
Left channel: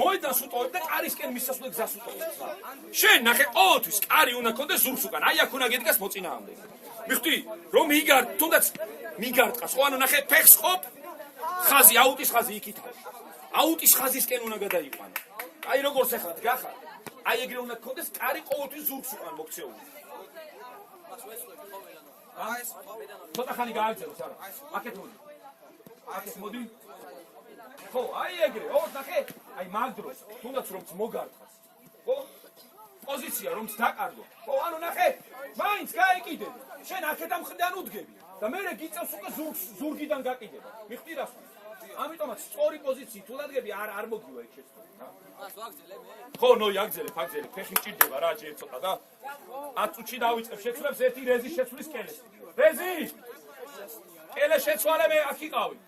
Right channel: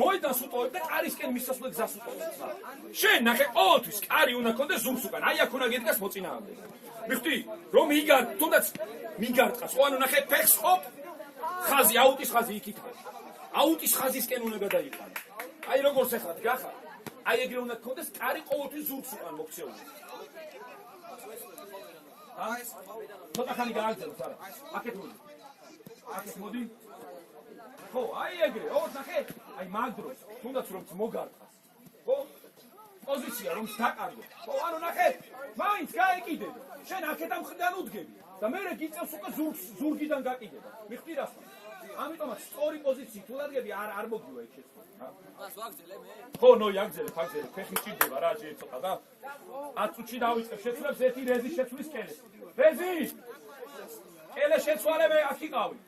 მოედანს უტოვებ და კარისკენ მისასვლე გზას უტოვებ. შენ ნახე, ყოველთვის კარი უნდა კონდეს ზურგს უკან. აი აქ უნდა გედგას მოწინააღმდეგ. მიხდი, რომ თუნდაც მიგარტყას. ხო, ანუ ნახე, ფეხს ყოფ, ხაზი, აუტის ხაზი იქით არის. აუტის ხაზისკენ უნდა გადაიყვანო. აი როგორც ახლა დგახარ. აი ეგრე უნდა გქონდეს კარი ყოველთვის ზურგს უკან მოქცეული. ცოტა ხანი გააგზავნოს არა. აქეთ მოდი. აქეთ მოდი. ხო, აი ეგრე. ოღონდ ნახე, აი მაგ დროს თუნდაც რომ მოგარტყას. ხო? პოზიცია რომ დაკარგო. ხო, ანუ ნახე, მაინც გაეკიდებ. შენ აქედან მხრიდან უდგები და მე გიწევს უკვე ზურგიდან გაკიდება. მიხდი რას? ამიტომაც სწორი პოზიციით თუ დადგები არ მოგივა იქ შეცდომა რა. მას ვაგზელე მე? ხო, აგზელებ, ფეხი მჭირდება რა ჯერ ცოტა და 10 წუთში დავიწყებ შეცვლებს ერთი რეზის შეცვლის კელეს. რეზი! კელეს შეცვალე მე აქ იყავი.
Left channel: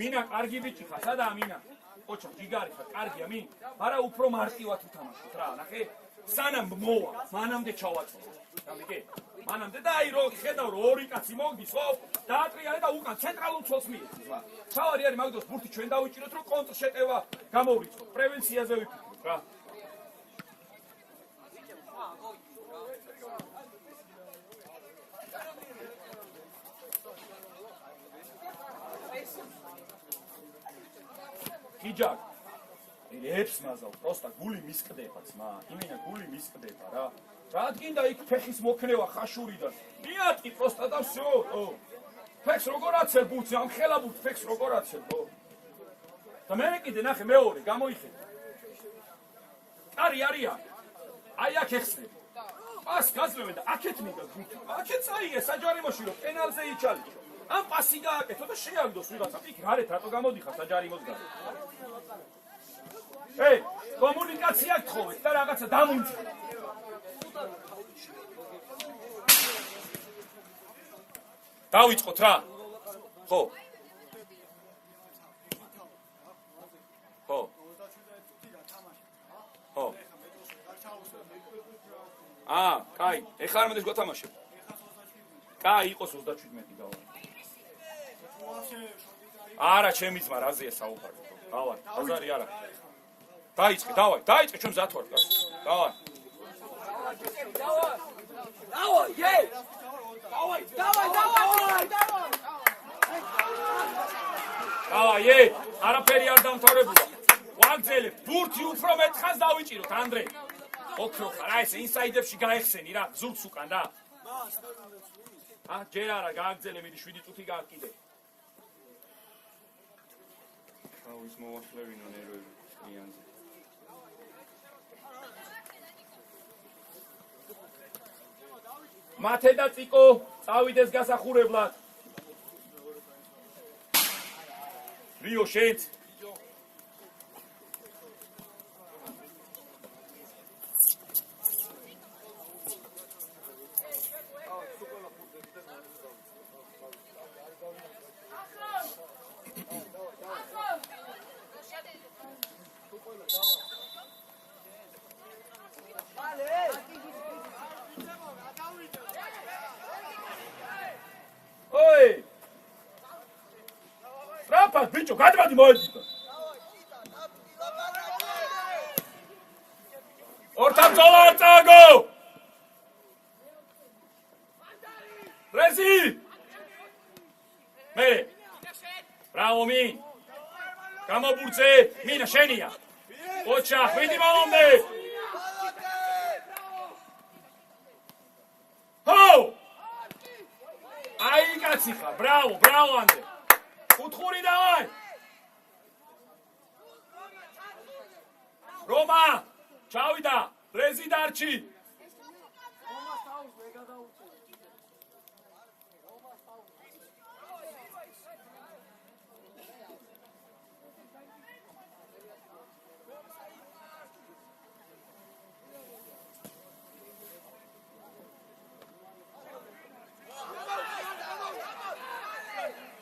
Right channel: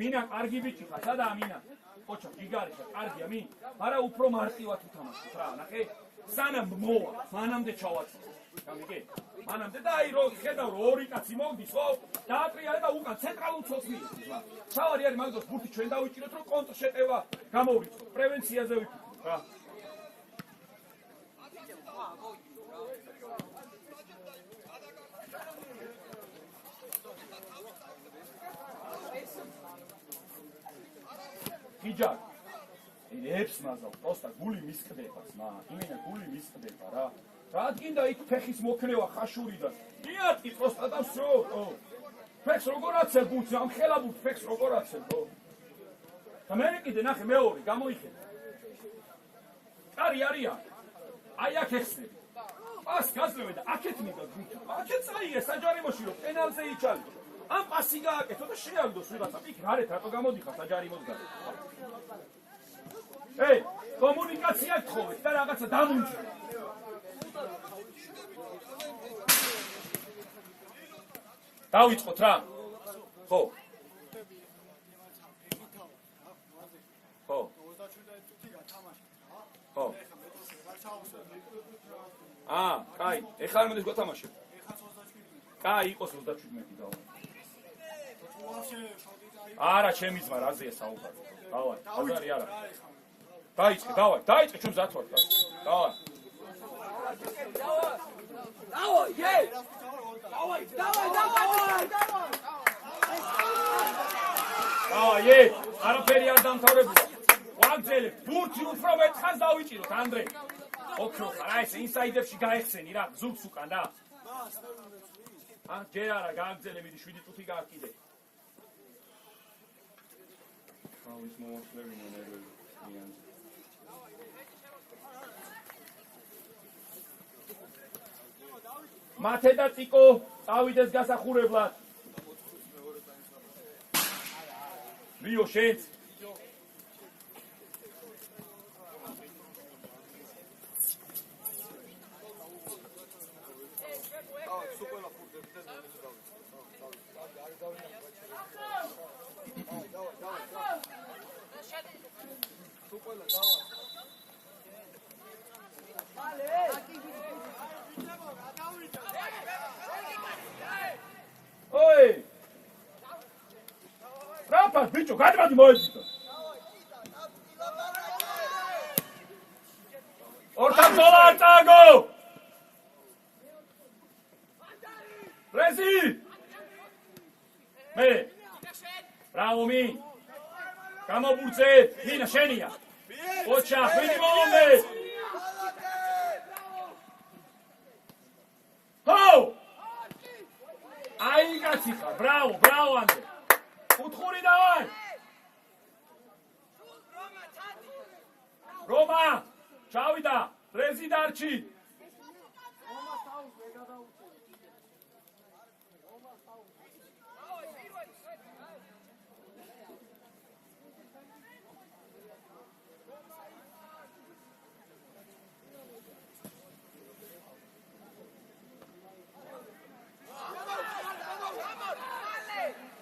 მინა კარგი ბიჭი ხარ, სადაა მინა? ოჩა, ჯიგარი ხარ, კარგია მინ. მაგრამ უფრო მარტივად უთამაშოთ რა, ნახე. სანამ მოვა, მანამდე ჩავაწევ. გამიგე? მანამდე და აი რო ხედავ რომ ორი კაცი მოგდის, ხო? დაატრიალე და უკან ცენტრალურ ცოლს მიიწვის. თავარი არის მაგ დროს ბურთი ჩვენ დავიჭიროთ რომ კონტრშეტევა გამოვრიცხოთ. პრევენციაზე ვიფიქროთ რა. გიჯა ებს მაზალ, პროსტა გული მისყდება ძმა. იმენა გული მისყდება რა. რადგინდა იქ ფეხის მოქნევა ხაშური და მიატკი პროსტა და всё. ფეხს როგორ აცელ ბურთზე, ამ ხელა ბურთ ფეხს როგორ აცელ, ხო? და მე კიდე ნახე მეორე გამოიხედა. კარი არია. აი აქ ეხსნები. პას გაზლევე და აქეთ მიგა ბურთი. აქეთ წაიღე საჯარიმოში რომ პენალზე იჩალიშო. ამ პასი გააკეთო და შეაგდოს ვიღაცა. იქ გარეთ რატო გამოდიხარ საჯარიმოს გარეთ? კომუნიკაცია გთხოვეთ და რაღაცა დამუნჯე. დავიწყოთ რა. ხო. ხო. ხო. კაი, ეხლა არ მენdes გათამაშებ. კაი, იყოს 37 დავა. არა, ჩემი ძმა რაზეა საუბარი. დავა, აზარი არა. დაიწყე, დაიწყე ჩვენ მზად ვართ. დავა. დავაი, არაფერი არ დამთავრებულა. ვაგზელებ, ბურთი უფრო მეტხანს დავიჭიროთ, ანდრე. ოქრო, რა ეს ინსაიდებში გაეხსენი რა, ზურგს უკან რა. ჯერ არა, გააგზელე, მიდი 7 წუთი გააკიდე. ის მოვასწრებინო ნერვები. მათე და წიკო წავიდეს გასახურებლად. ლიო შენც მოდი მოედიტო. ორთან ბრძოლა არ წააგო. რეზი. მე. ბრავო მი. გამობურცე, მინა შენია. ოჩა, ვიდი მომდე. ჰო! აი კაცი ხარ, ბრავო, ბრავო ანდრე. კუთხური დავაი. რომა, ჩავიდა, რეზი დარჩი.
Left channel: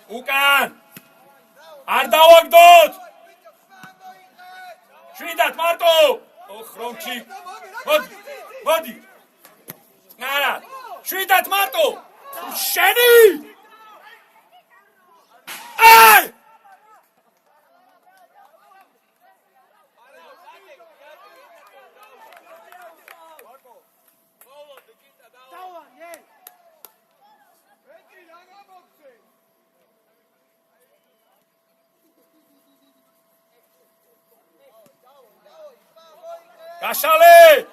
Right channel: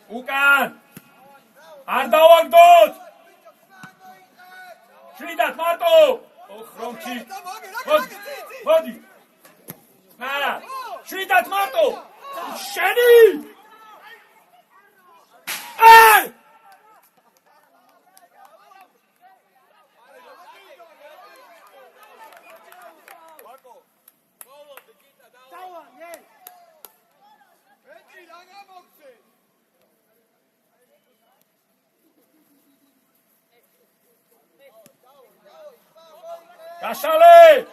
უკან არ დავაგდოთ შვიდათ მარტო ოხ რომჩი მოდი ნარა შვიდათ მარტო შენი აი გაშალე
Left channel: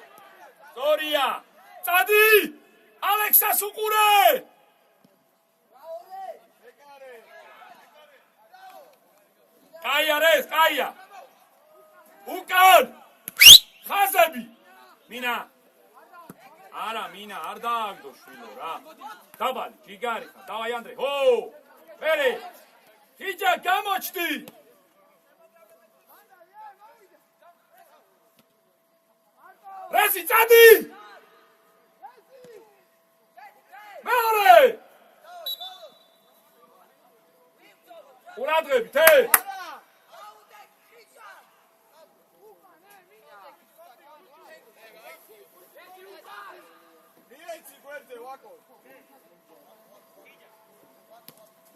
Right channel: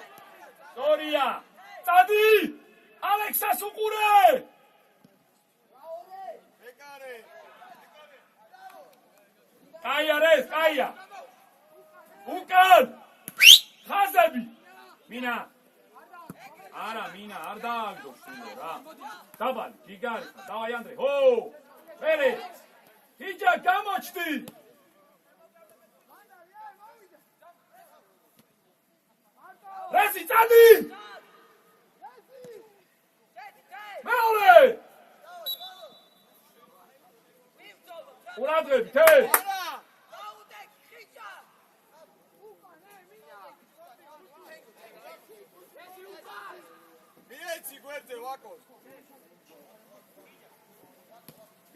სორია წადი ალექსას უყურე კაია რეს კაია უკან ხაზები მინა არა მინა არ დააგდო შვილო რა დაბალი გიგარი დავაი ანდრე ჰო მერე გიჯა გამოჩდი რეზი წადი მეორე ურადღები თე მიეცი გვერდზე ვაკო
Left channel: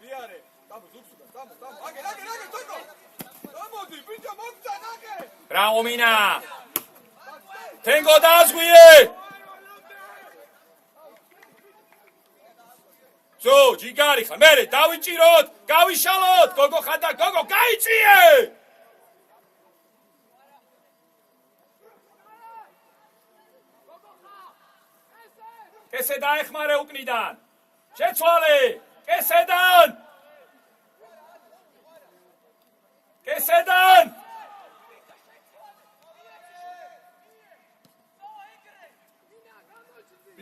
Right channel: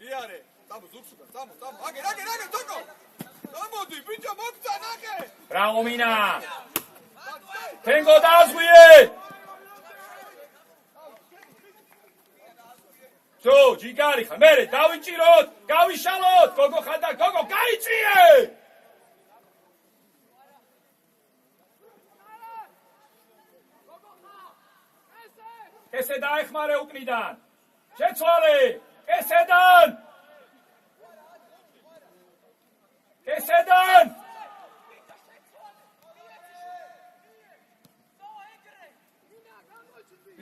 იარე დამო ზუგსუგა დამო აგე თოკო გამოდი ბიჭო მოგცა ნაგე ბრავო მინა თენგო დაზღვიე ზო ჯიგარი ხა მერე დავიჭიროთ გავიშალოთ გოგო ხანდა გოგო გაიწიე კესე დაეხმარე უკნიდან შეცვალე კესედან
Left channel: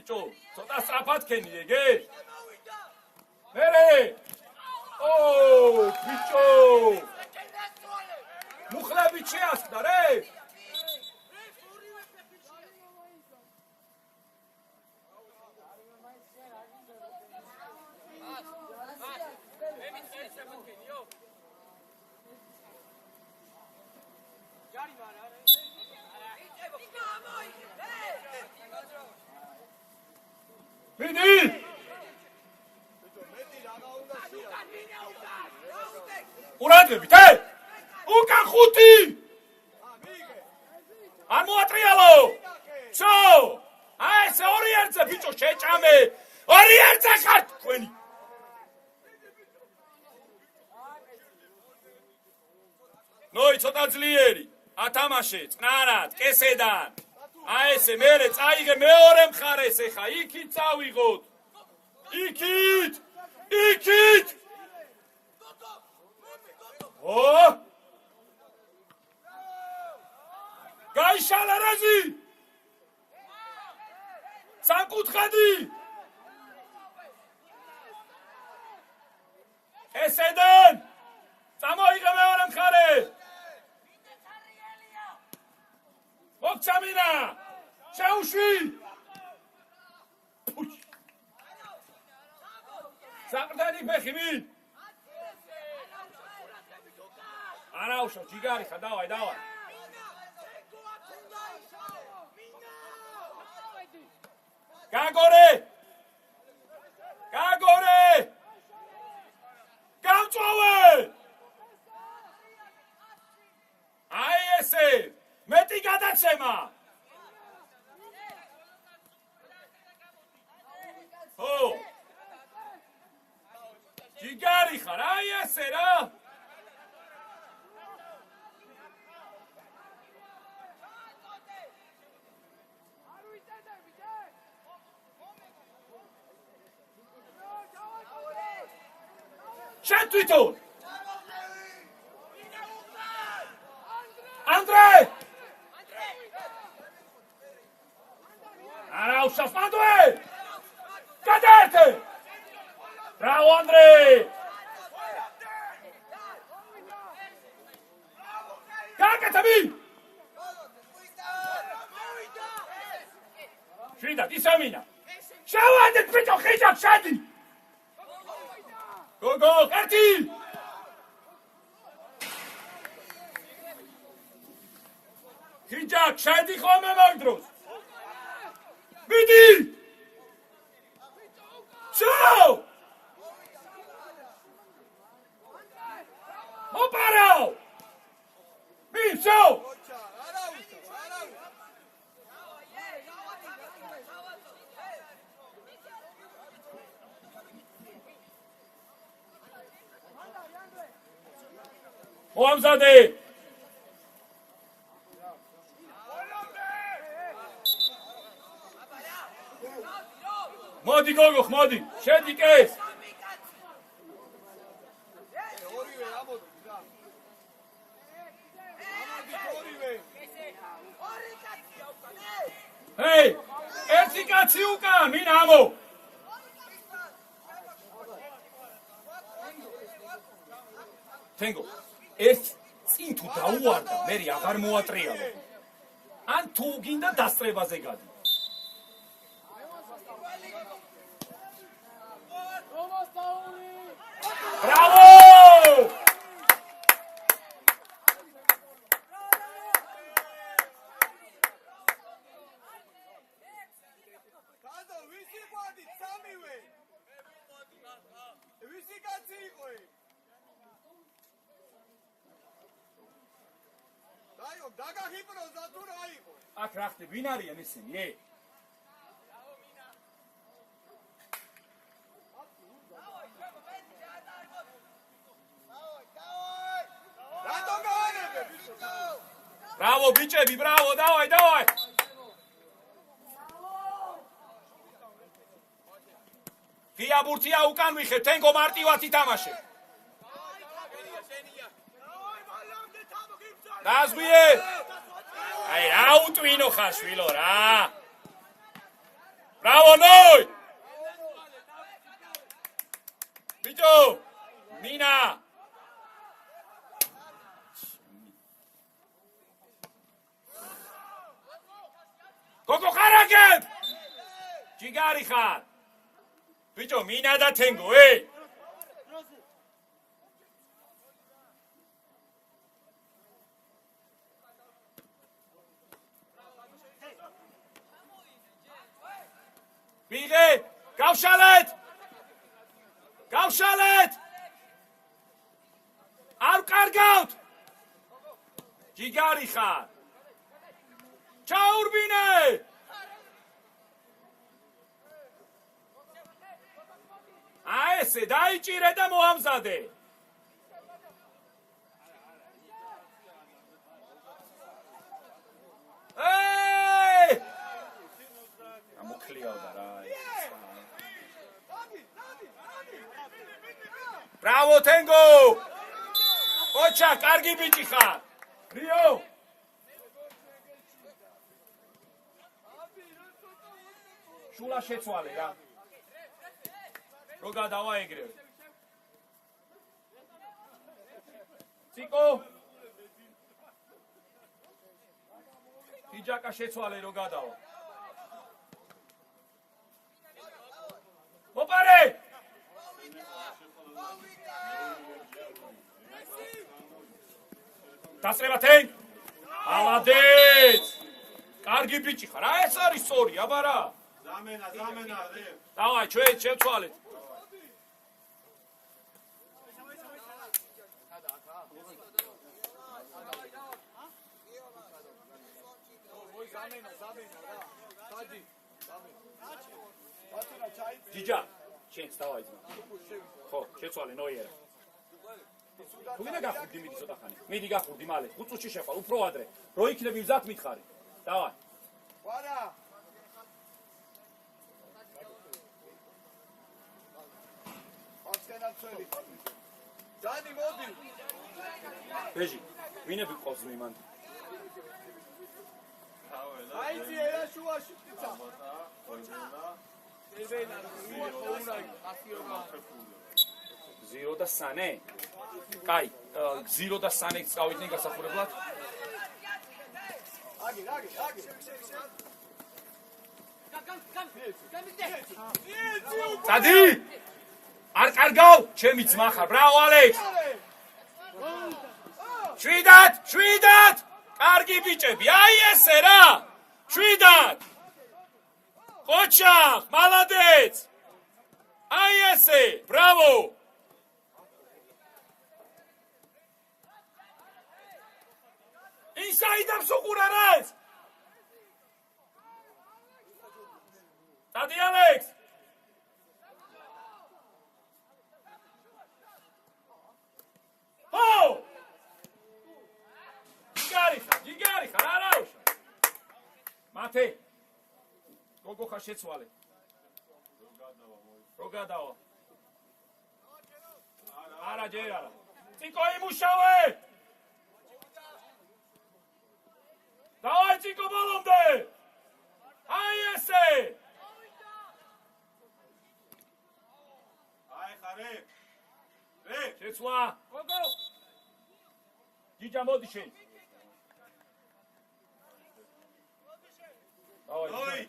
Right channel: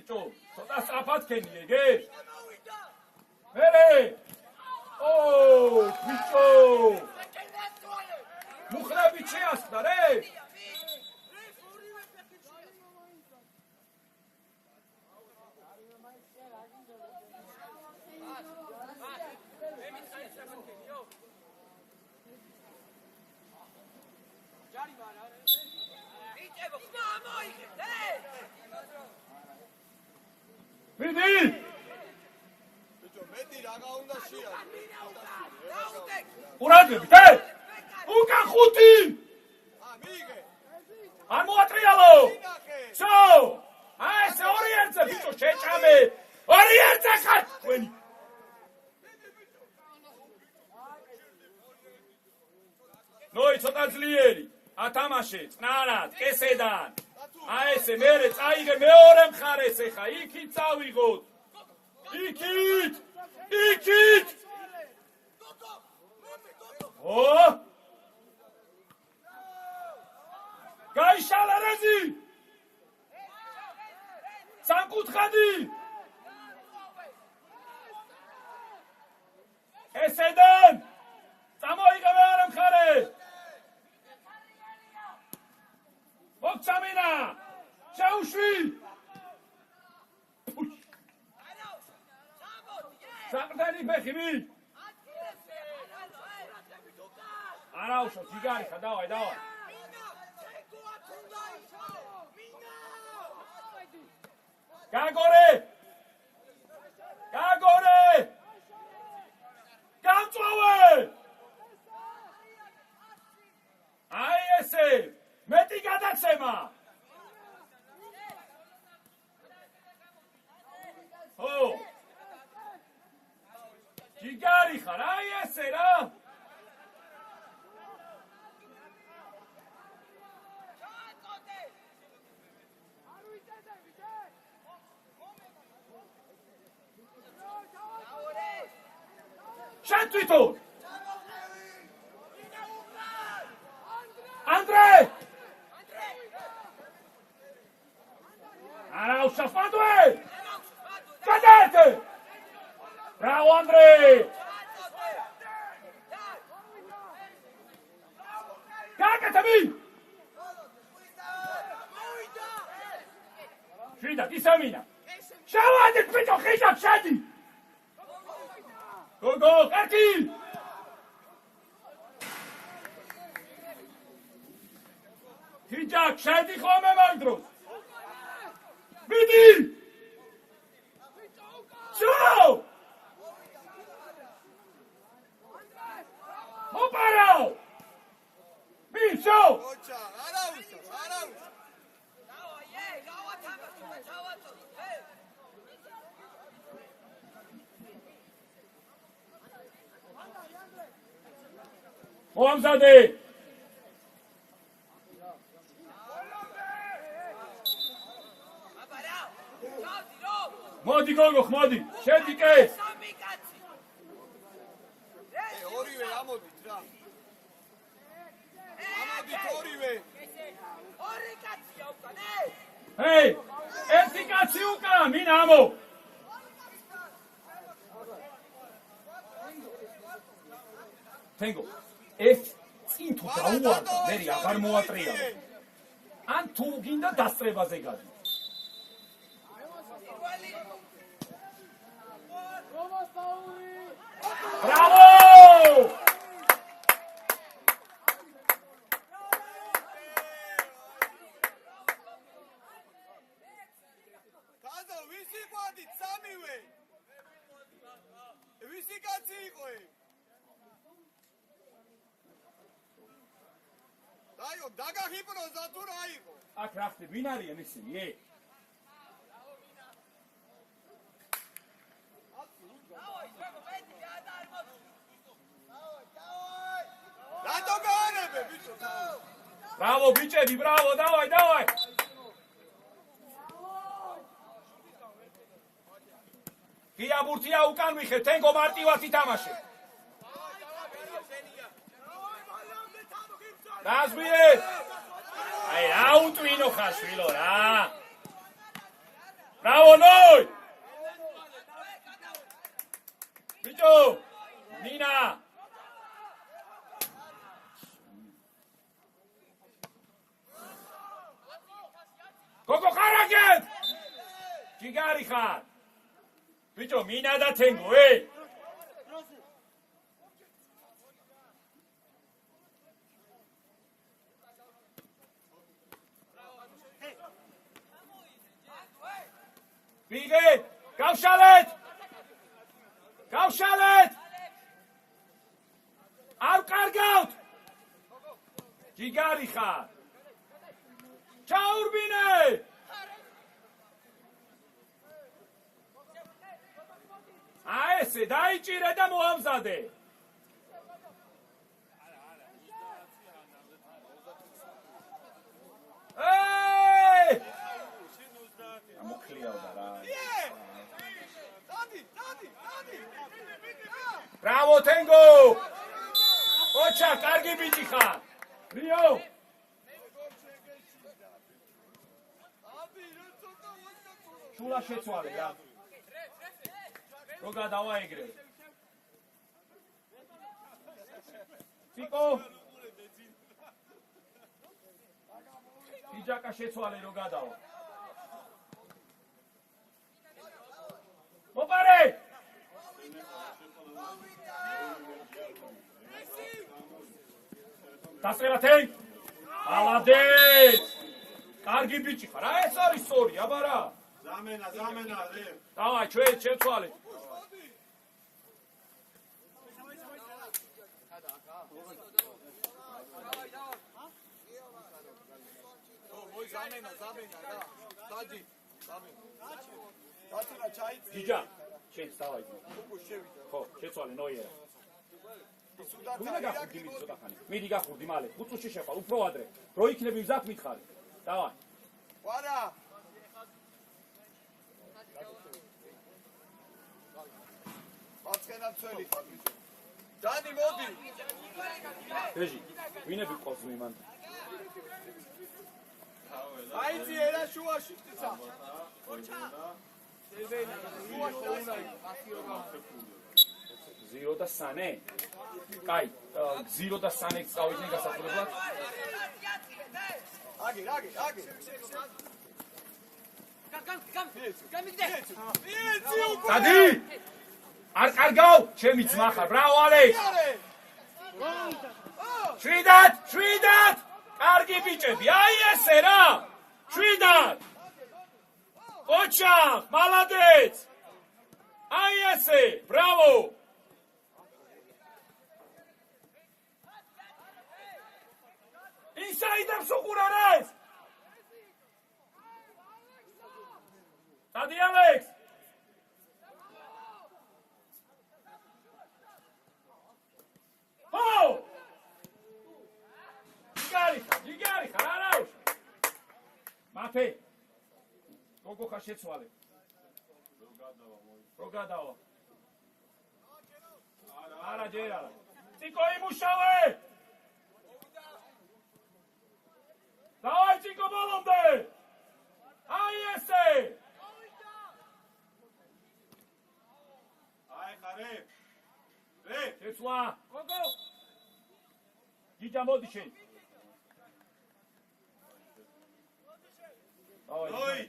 ბიჭო ცოტა სწრაფად ქენი ეგე მერე ო ბიჭო მუხლები შეასხდა რე მიდი ურადები თე უკან ხუთი არ მოატრიალო შო აი ეს ორი ერთზე ბიჭო შეჭამე ორი ერთზე ხარ თქვენი ნოი ცოტა ძლიერი ათამაშე წნარად კესედან აი ესე მერე წაიგე მეორე მხარეს ეხა იქით წავიღოთ იქით ო გაიშალა რეზი სამკუთხედი ესედან წამოიღე მეორე მხარეს მოგცამინა შეუშვი საყრდენი ფეხი მი არაუშო ჯიგარი ხა დავაი გაგორე გამწვავე ხარ, აი ესე რა. შენ თვითონ ანდრე არა უშავს მადვე გადაერთე ბრავო ანდრე გაკეთები შვიდად ისამინა შავადეთ ბიჭო ხიჭად შედი გოგო ერთი ხიჭად შედი ხოლმე მაგ დროს მიდი ჩაო მოპარაო მისო ოჩა არავის მოამზადე მოდი გოგო მოდი შედი კეს ორივე ამოდი და ამოდი ორივე ჰეი ერთი კაცი უკან მინ ამო თენგო ეს წინ თუ დაუვარდა მერი აღარ მოატრიალა ან თუ გინდა დასწრებაზე გადი Bravo! Tado, visi guardi, samiwe. Visi kacsi იყო. დაიო, დაგაჰიპნოზა თუ რა იყო? აქ რა ხდება? ვინ არიან ისინი? Bravo, bicebi, bravo, давай, давай! Ღია ბურთია უკან ვიხე, თენგო მარტივად ითამაშე. დაზღვიე! აი, რა უტვინო ხაშვილო რა! Bravo, noi! ბიჭო, მინა! გოგო ხარაგებ! ჯიგარი ხარ! ბიჭო, მინა და თენგო, ვიღე, გავშალეთ! გავშალეთ! არ კარგავთ! ჯიგარი ხარ! ჩაურბინე! ესე დაიჭირე და მოამზადე. ეი! მოკლიაოდა რა. Bravo Tengo! ოჩა, კარგი ბიჭი ხარ. რიო! შულა შეცვალე რა. რო გადავაეგრე. ციკო. იჯაკა შეცვალე რო გადავა. მოპარე! დასრება თენ. ალადეც! კარგი ბიჭი ხარ. რა ეს არის სწორი, აბარა? ზამენა, რე. დავაი, ჩვენ შეცვალეთ. გიჯა, შენც დავაი. ხო, შეცვალე ნოიერა. ვინმე გახურდი მიდი ცოტა ხანი. მიდი გახურდი მალე. 5 წუთში შეყვალ, უფრო ადრე. რო იქნები მზად მითხარი. დავარ. ვარა. აცხენა წელი ხარ. დანი მოდი. ბეჟი, ვინები ყავს მიმან? აიცი ერა შუაში ტიცა. გზირო და სანე. კაი, გზირო და სანე წავიდნენ გასახურებლად. აგი. დადი! არ კარგავ, ჩემი ძმა ხარ. ბრავო ალექს. შვიდად! კარგი ბიჭები, აი ესე რა! შვიდად! ოჩახ, მალადეც! აი ესე, ბრავო! ინსაიდებს უყურ არას! დადი ალექს! ო! გიგარი ხარ, არა! მათე! გოგო ხარ შეცვალე. რო გადავა. არა ჯერ არა. ციკო იმუშავე! დავაი ციკო ბოლომდე! აი ესე! აი ხარე. შეცვლა! გოგო! გიჯა მოდი შენ. დავაი.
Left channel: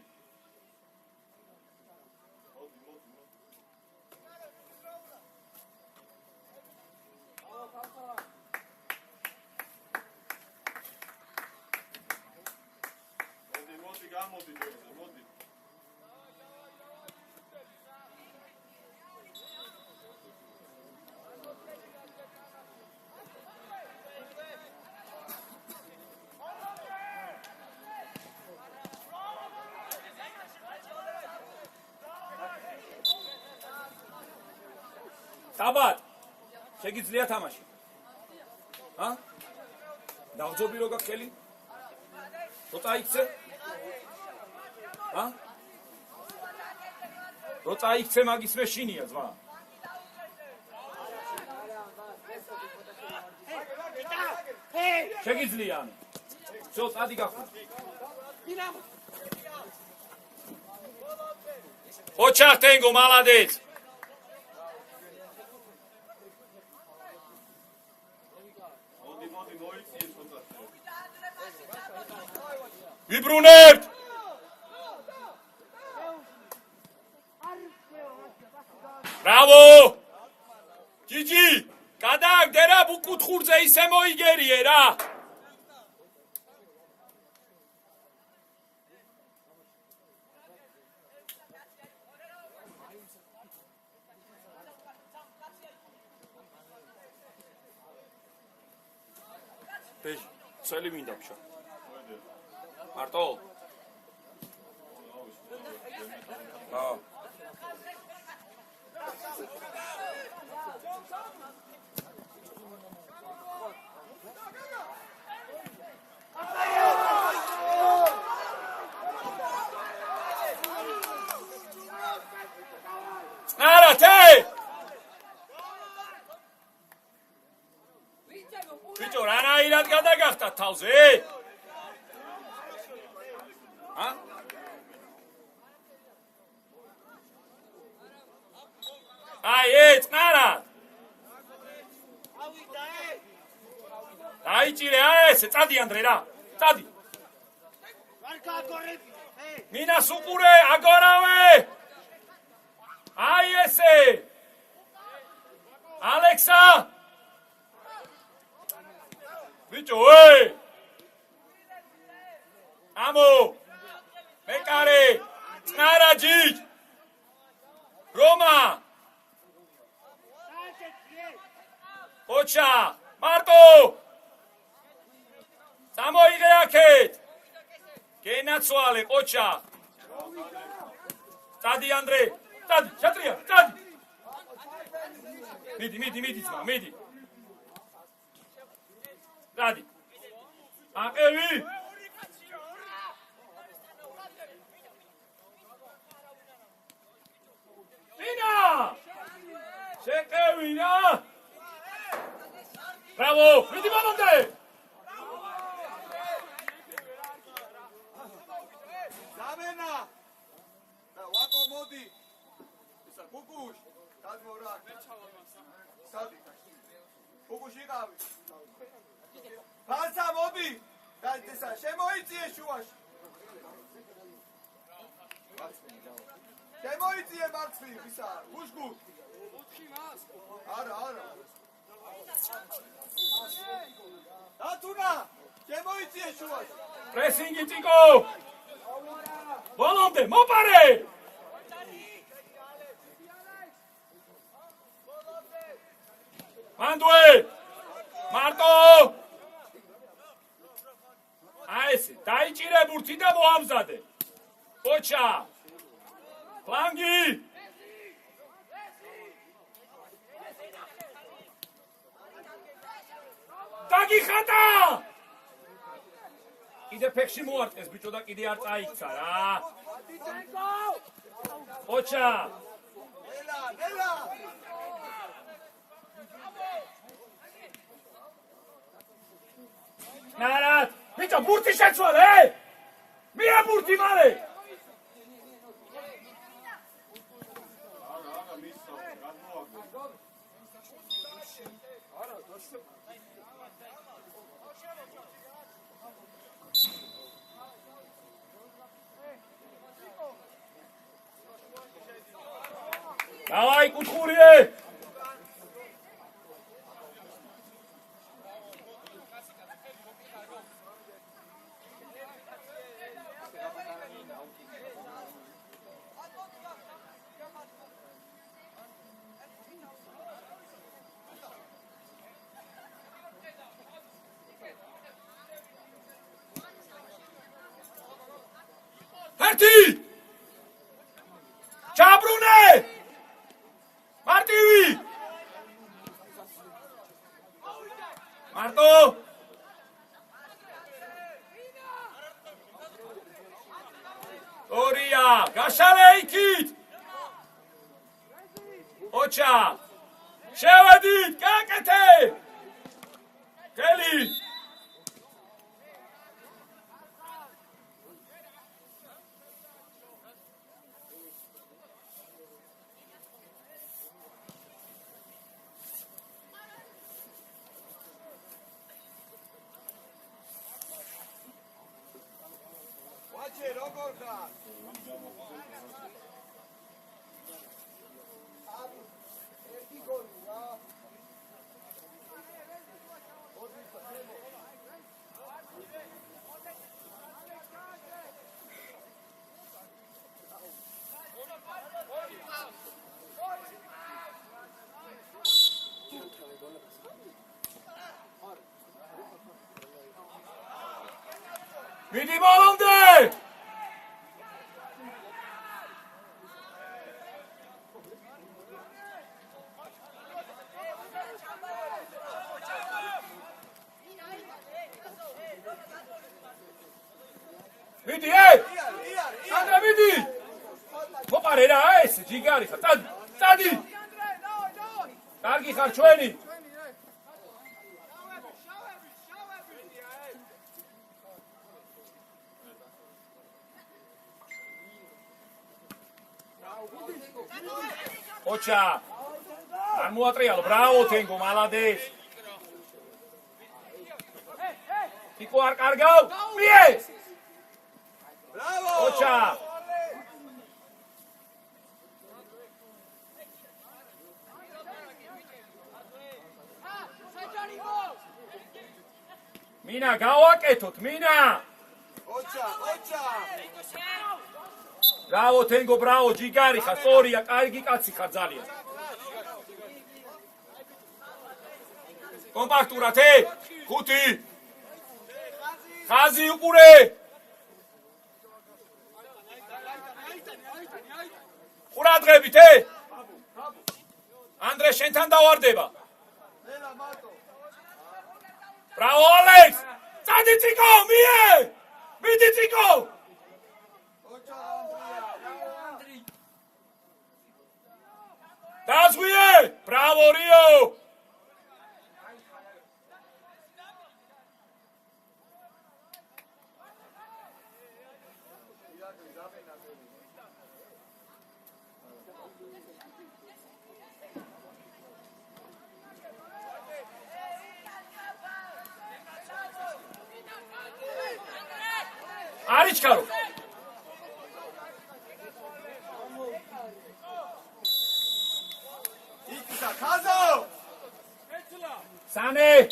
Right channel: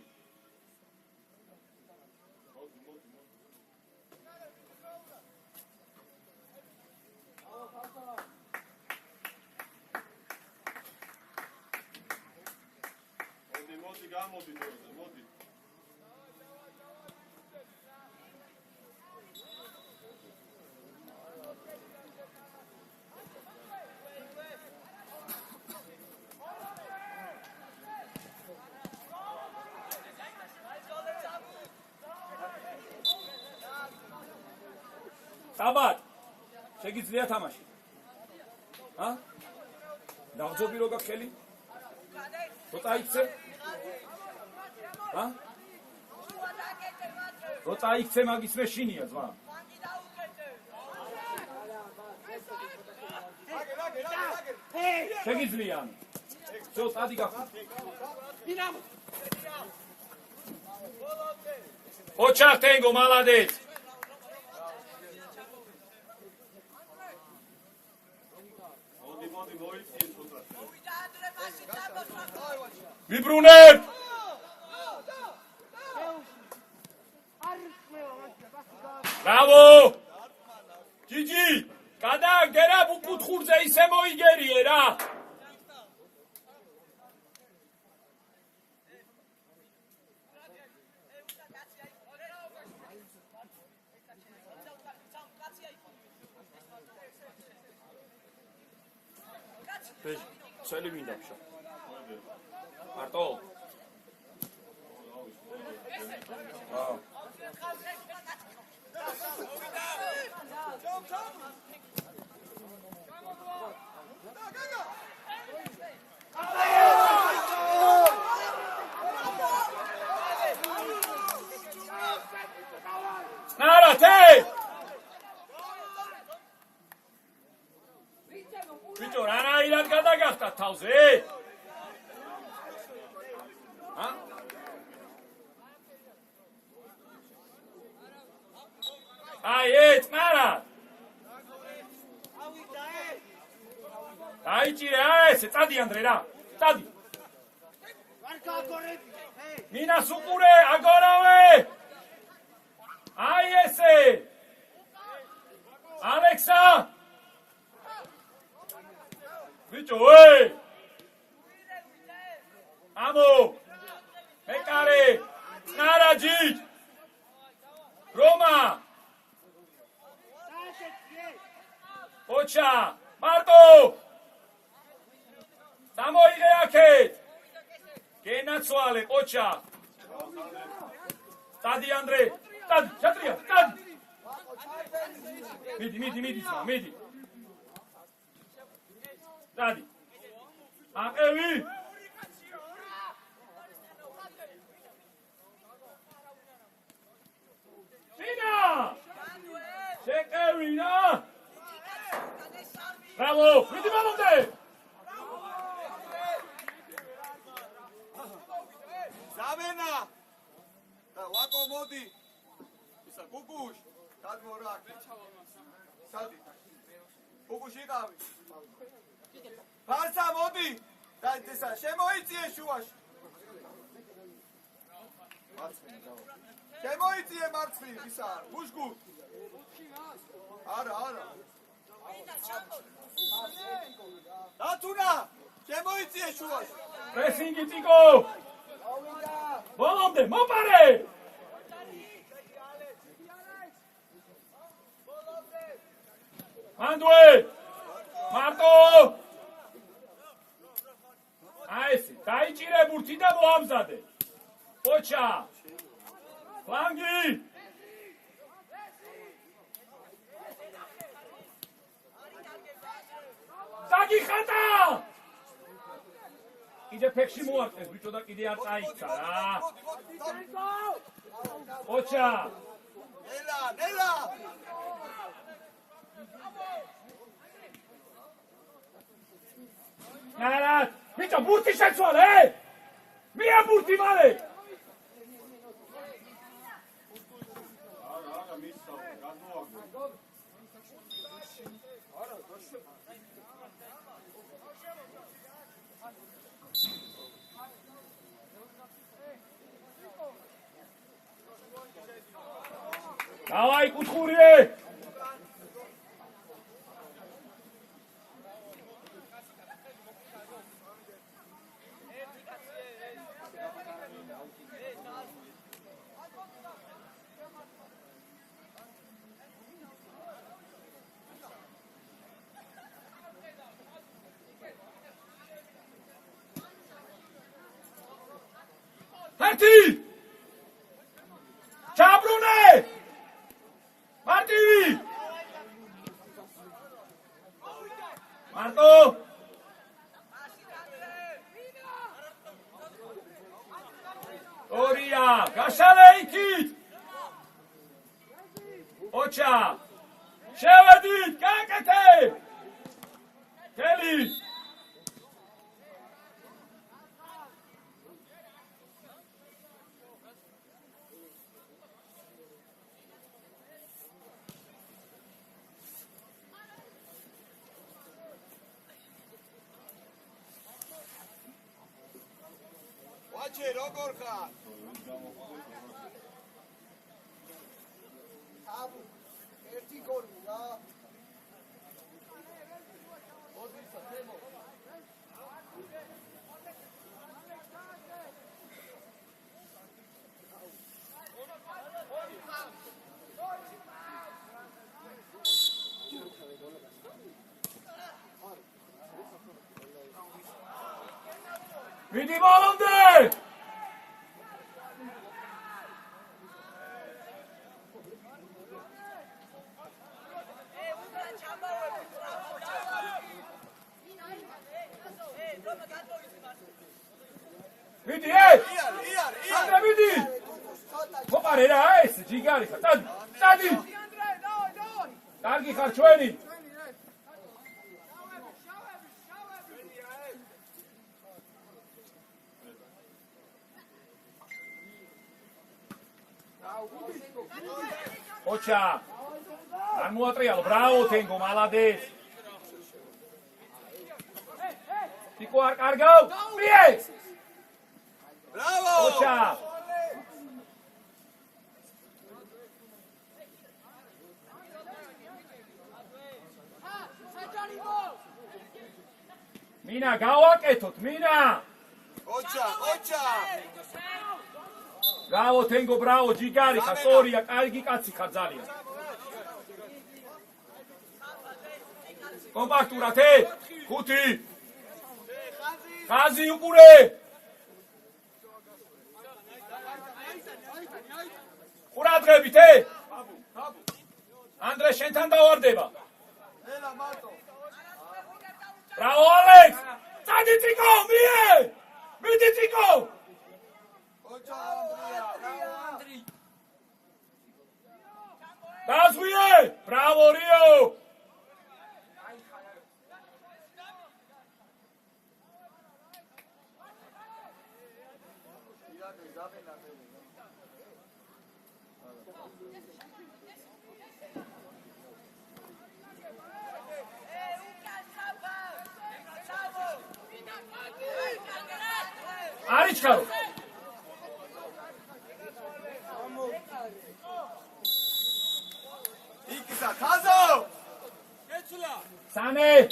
გამოდი დეზე, მოდი. საბად, შეგიძლია თამაში. ჰა? დავძობი რო გაქვს ხელი? როცა იქცე? ჰა? როცა იქცე მაგის მე შინია ძმა. შეგიძლია. всё, წადი გახდა. ოჩახ თენგო, მალადეც. მოდი მოიწიე ცოტა. ვიბრუნებთ! ბრავო! ჯიჯი, გადააგდე რა ბუკუთხურზე ისე მოიგერიე რა! ბეჟ, წელი მინდა ფშა. მარტო. ნარათე! ბიჭო, რანაირად გადაგახტა თავზე? ჰა? აი, ეწნარა! დაიჭირე, არა ესე, წადი ანდრე რა, წადი! მინას უყურე, აგორავე! აი ესე! ალექსა! ბიჭო, ამო! მეკარე! წნარაჯი! რომა! ოჩა! მარტო! წამოიღე აქეთ! გენაცვალე, ოჩა! წადი ანდრე! წადი, ჩატრია, წადი! მიდი, ძმა, მიდი! დადი. აყევი. დინა! შეკევი რა! ბრავო! მიდი მომდე! ზამენა! და ვაკო მოდი. ისა კუკუშ, გადმორა. სადი. კუკუშ იყავი. ფარსა მოდი. და ისა შემოიწიე შუაში. მარცხნი დავა. შემოიწიე მარცხნი ისა, გუშგუ. არა. ათუნა, შემოიწიე შუაში. პრესინგი ტიკო! ბოლომდე მოპარე! მანდუე! მარტო! აი ესე, დაიჭირე ბურთი და მოამზადე. ოჩა! ფლანგი! დაგიხატა! კიდე ფეხში მოარტყეს ბიჭო და კიდე არ წაიქცა რა. ოჩა! ნელა! ნარად! ბიჭო ბურთი შეცვალე! მია ბურთი მალე! აგა მისსა, გადმოაგდე. დავაი კუთხურიე! ერთი! ჩაბრუნე! მარტივი! მარტო! ორია! გაშალე იქით! ოჩა! შევედით! გაკეთე! გელი! ვაჩე როგორ ხარ? ერთი გოლი რა. მიდი ბოლომდე! მიდი, ანდრე მიდი! მოპარე რა, ეს ჯიგარი ხარ, წადი! კარგი ხარ ჩვენი! ოჩა! არ მოატრიალ, ბრავო თენგო, მალადეს! ტიკო არ კარგავ? მიე! ბრავო! ოჩა! მინა, გავაკეთოთ, მინა! ოჩა! ბრავო თენგო, ბრავო, ჯიგარი ხარ, სწორია, კარგი კაცი ხარ ძალიან. კომპაქტურად, ხუთი. ხაზი უყურე. ყურადღებით, ანდრე შენთან დავარდება. ნელა მარტო. Bravo, Alex! Წადი ციკო, მie! მიდი ციკო! დაზღვიე! Bravo, Rio! Arichkaro. იქისა ხაზო Sane.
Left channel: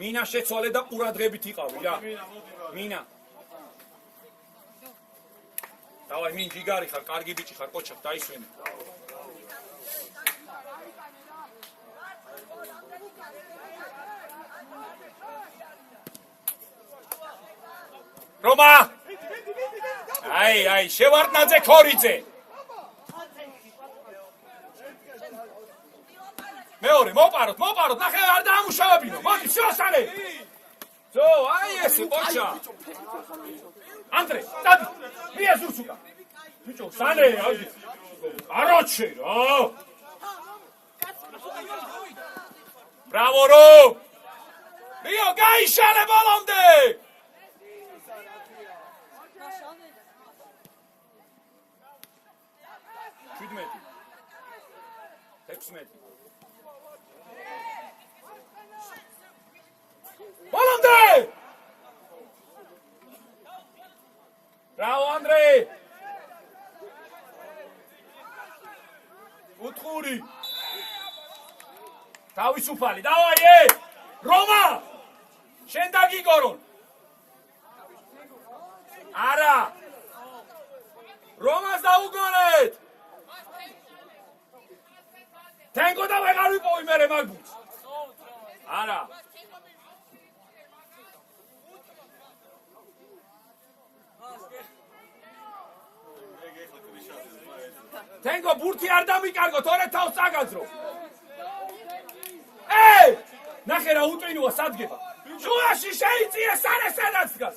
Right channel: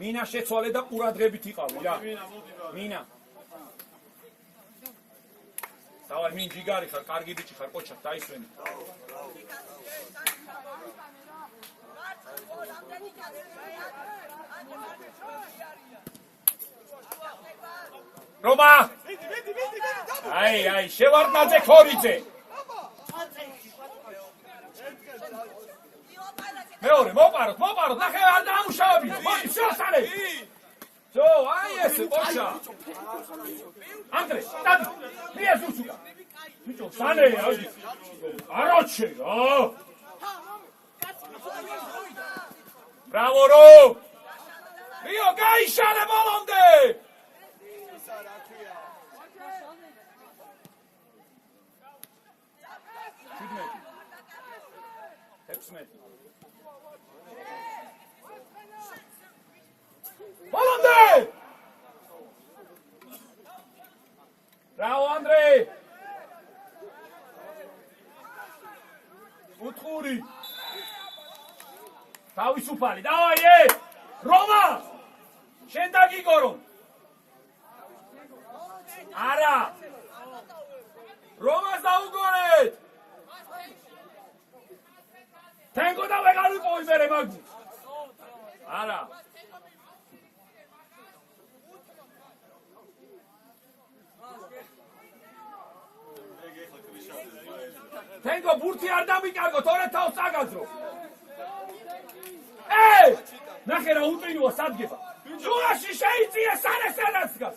Mina შეცვალე და ყურადღებით იყავი, რა. Mina. Давай, მინ ჯიგარი ხარ, კარგი ბიჭი ხარ, კოჩა, დაისვენე. Roma! Ai, შევარდნაძე ქორიძე. მეორე, მოპაროთ, ნახე არ დაამუშავებინო. მოდი, სიოსალე. ძო, აი ესე, კოჩა. ანდრე, დადი, მია ზუსუკა. ბიჭო, სანე, აი. აროჩე, რა. Bravo, Ro! Rio, გაიშალე ბოლომდე. Bolomde! Bravo, Andrei! Utkhuri! Tavisufali, davai, Roma! Shen dagigorun! Ara! Romas daugonet! Tengo da vegar ვიპოვი მე მაგბუს. არა. Tengo ბურთი არ დამიკარგო, თორე თავს წაგაძრო. ნახე რა უტრინოა სადგება. შუაში შეიწიე სანაც დგას.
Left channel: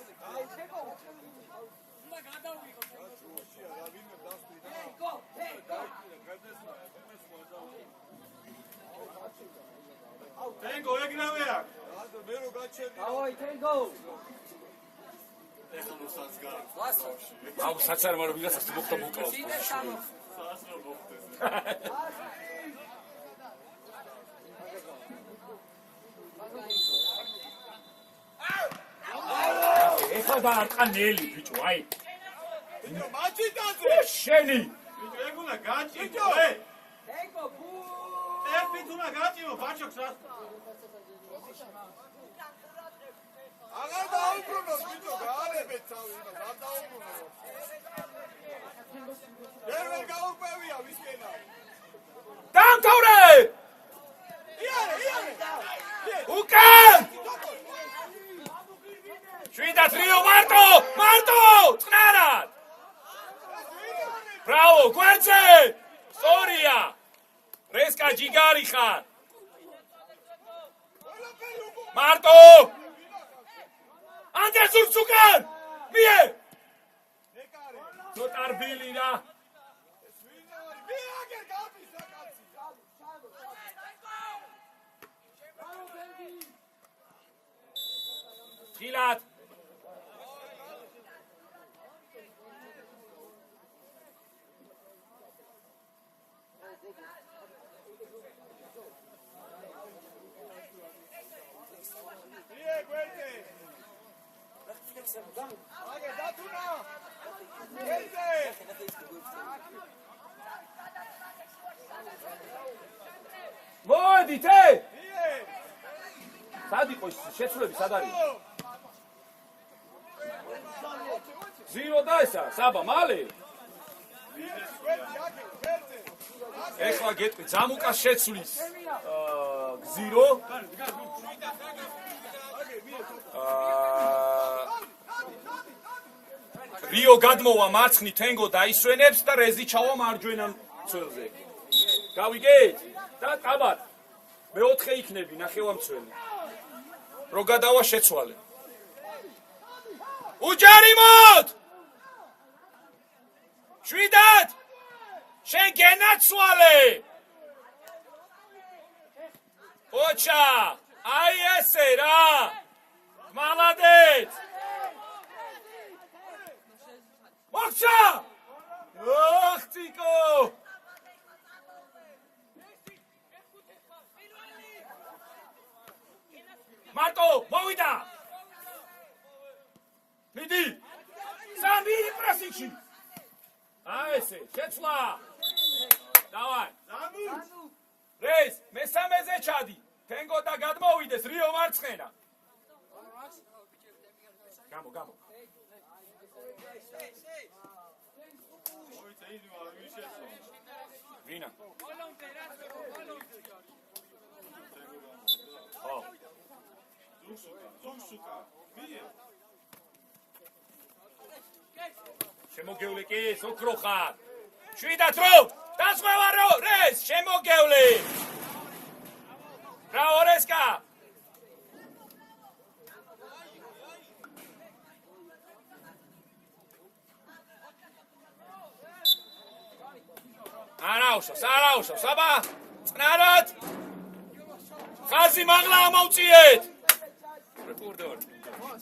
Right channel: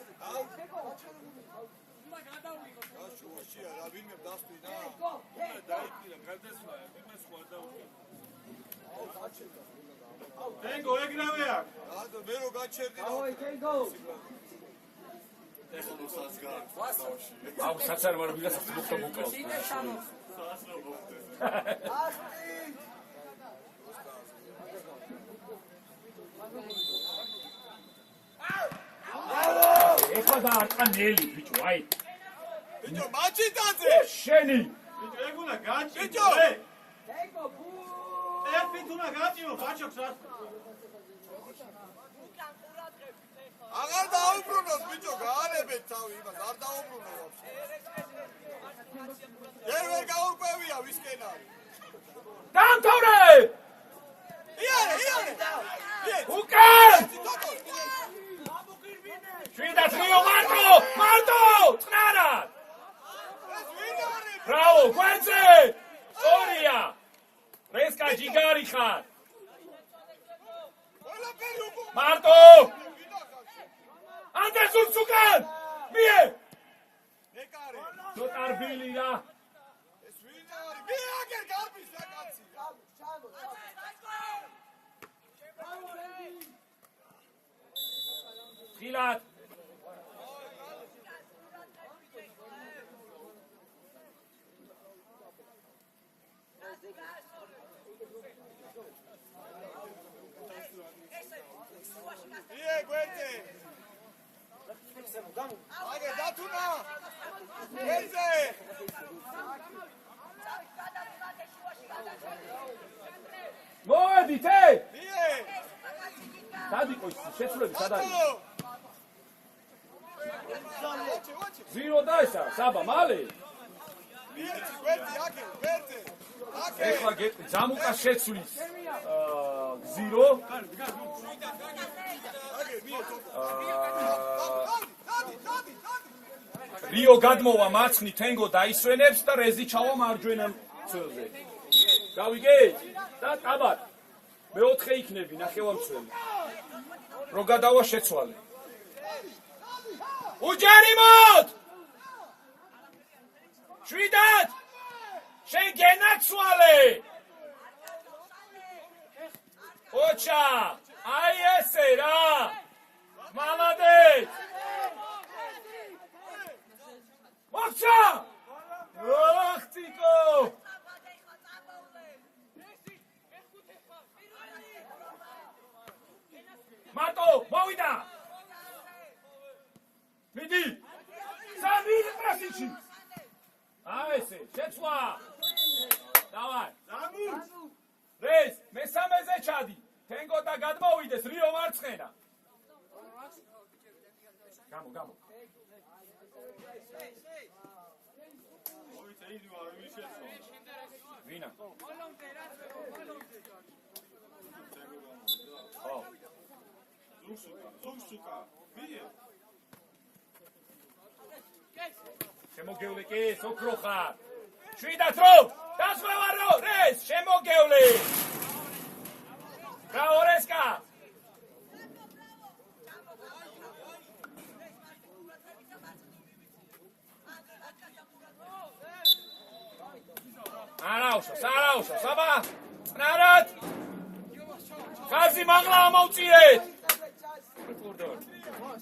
Tengo, ეგრევე აქ. მე რო გაჩერდი. Давай, Tengo. ეხლა მოსած გავაში. აუ საცარ მაგრამ ვიღაცას მოხდა უკას. საათრო მოხდეს. ეხლა დააყანელი ბიჭო, აი. ბიჭო, მაჩიტაძე. შენი. ბიჭო, ეგ უნდა გაჭიო. Tengo, ბუ. ერფით უნდა გაჭიო, ბაჭოქს რა. აღარ დაუბრუნოს ბიჭო, გაარებეთ თავი, იმას არ დაუბრუნოს. ეგ გაურკვევია ვისკენ არის. გამთავრე! იარე. უკან! შვიდაც რიო მარტო! წნარად! Bravo, გვერდზე! სწორია! რესკა ჯიგარი ხარ! მარტო! ანდერსონს უკან! მie! ნეკარი. ცოტარბილი რა! ეს ვინ არის? მე აგერ გარბის რა კაცი. ხილად! გვერდზე. აგე დათუნა. გვერდზე. მოდით, ე! მie. სად იყო ის შეცვლები, სად არის? ზირო და ესა, საბა, მალე? გვერდზე, აგე, გვერდზე. ეხლა გეტყვი, ძამუკას შეცვლის გზირო. რიო გადმოვა მარცხნით, თენგო დაისვენებს და რეზი ჩავა მარჯვენა მცველზე. გავიგეთ? და კაბად მეოთხე იქნები ნახევარმცველი რო გადავა შეცვალე უჯარიმოთ შვიდად შენ გენაცვალე ოჩა აი ესე რა მალადეც მოხცა ოხ ციკო მარტო მოვიდა მიდი სამი პრესინგში აი ესე შეცვლა დავარ რეის მესამეზე ჩადი თენგო და გადმოვიდეს რიო მარცხენა გამო მოიცა იდი არ ვიშეცვა ვინა ზუგსუკა მიე შემოგევლი კი სოქრო ხარ შვიდად რო დასვევა რო რეის შემოგევლი რა ორესკა არაუშო საბა წნარად ხაზი მაღლა ამოვწიეთ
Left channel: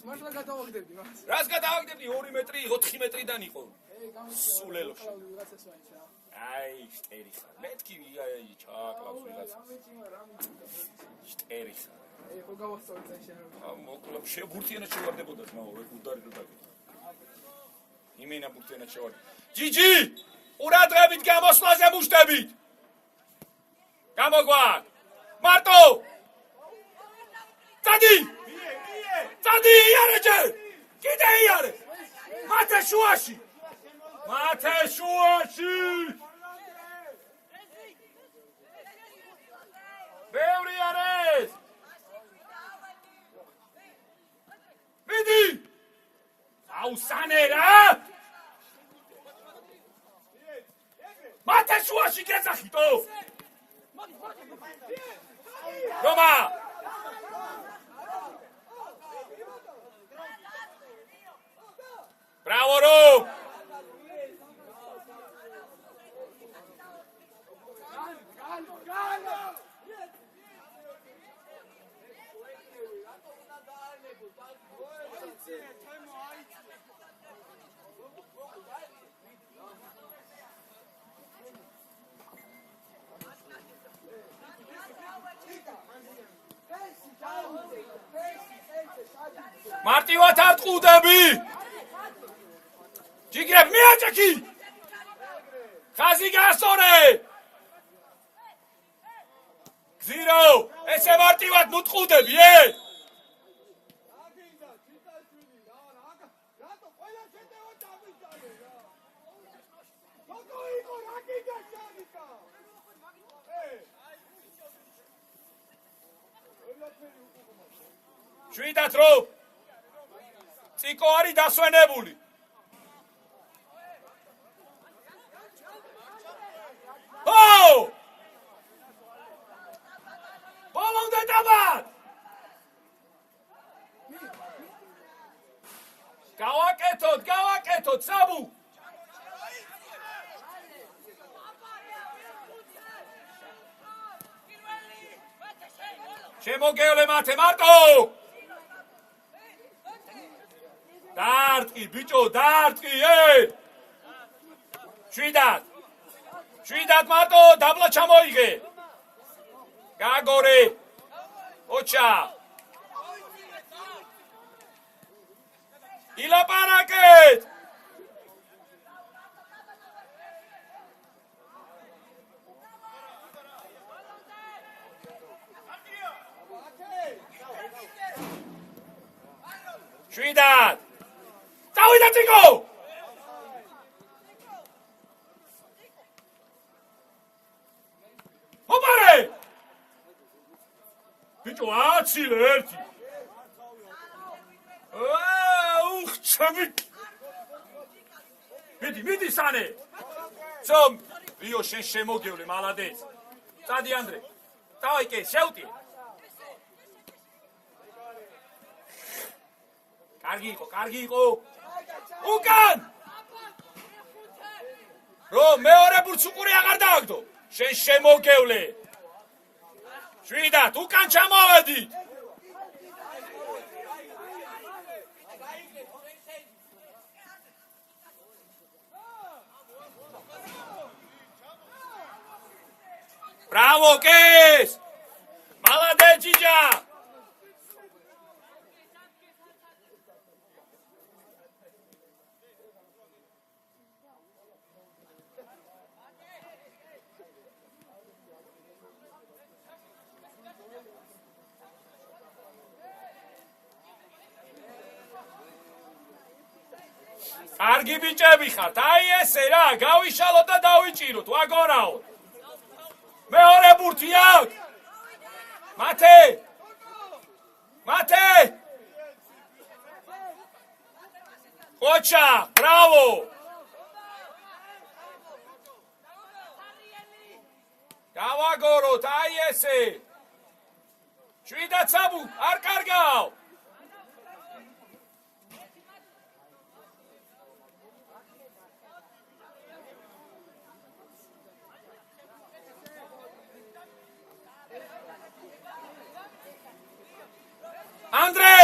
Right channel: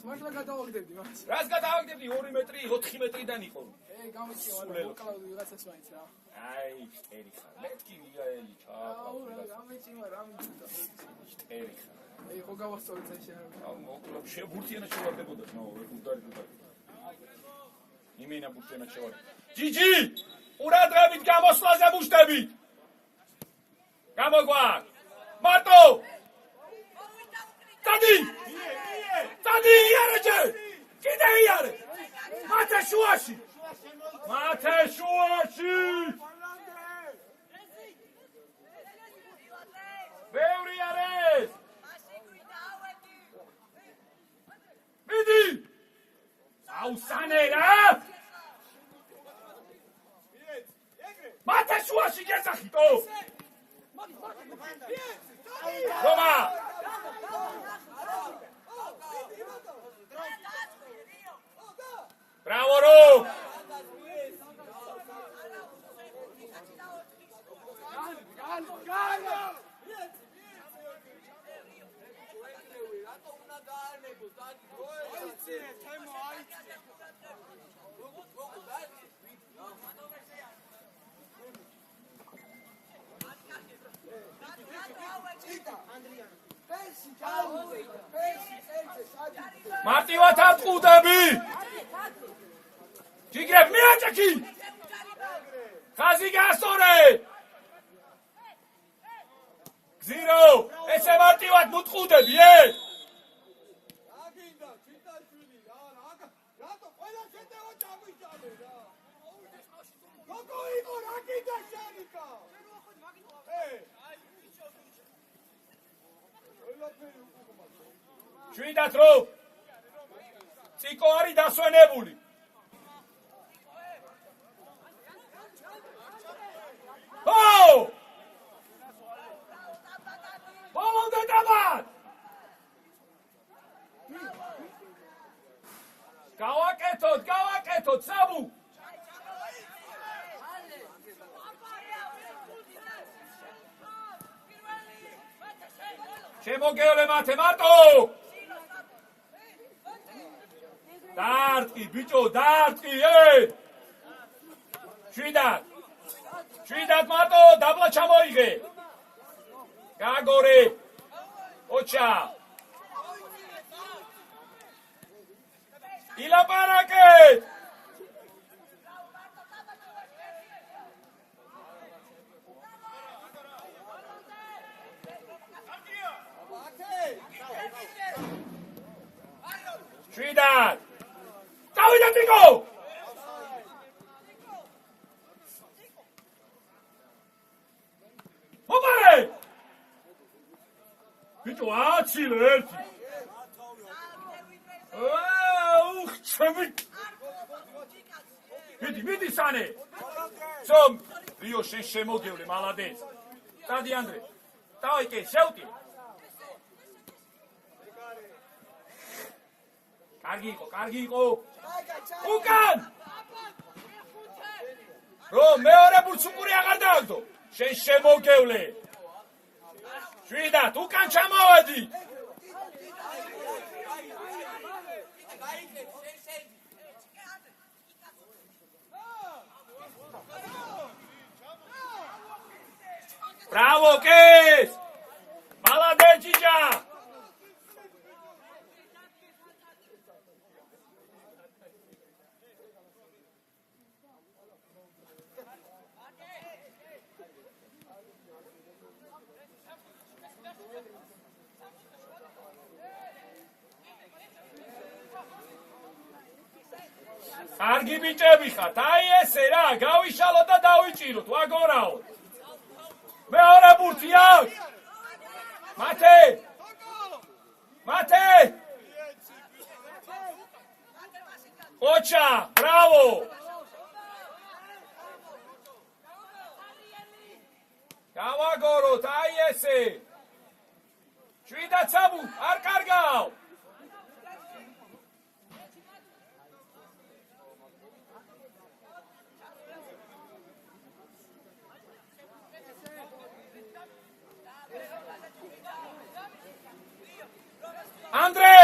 მართლა გადავაგდებდი მას. რას გადავაგდებდი 2 მეტრი 4 მეტრიდან იყო გამოსულელო. ვიღაცას მაინც რა. აი შტერი ხარ მეთქი ვიღაი ჩააკავს ვიღაც შტერი ხარ ხო გავასწორეთ შეიძლება. მოკლედ შეგურთიანად შევარდებოდა ნაო რეკუდარი იმენა ბურთიანად შევარდი ჯიჯი ყურადღებით გამოსვლაზე მუშტებით გამოგვარ მარტო წადი იარეჯე კიდე იარე მათე შუაში ბევრი არის მიდი აუსანე რა მათე შუაში გეძახიტო რომა Bravo, Ro! მარტივად ატყუდები! ჯიგრებ მიაჭექი! ხაზი გასწორე! გზირო! ესე მარტივად მუტყუდები, რატო ყველა შედავა დამიჯალე რა? რატო იყო რა კიდე შენიკა? შვიდად რო! ციკო არის დასვენებული! Pomogę dawać! Gałak etot, Sabu! Შემოგევლე მათე მარტო! დარტყი ბიჭო, დარტყი, შვიდად მარტო, დაბლა ჩამოიღე! გაგორე! ოჩა! ილაპარაკეთ! შვიდად! წავიდა ციკო! ოპარე! ბიჭო, აცილე ერთი! ჩამი! მიდი, სანე! ცომ! რიო შენ შემოგევლე, მალადეც! წადი ანდრე. დავაი კი, შევტიე. კარგი იყო. უკან! რომ მეორე ბურთს უყური აღარ დააგდო. შენ შემოგევლე. შვიდათ, უკან ჩამოვედი. Bravo, Kes! Молодец, Чича! კარგი ბიჭები ხართ, აი ესე რა, გავიშალოთ და დავიჭიროთ, ვაგორაო. მეორე ბურთი აქვს. მათე! კოჩა, ბრავო! გავაგოროთ, აი ესე. შვიდათ საბუ, არ კარგავ. ანდრე!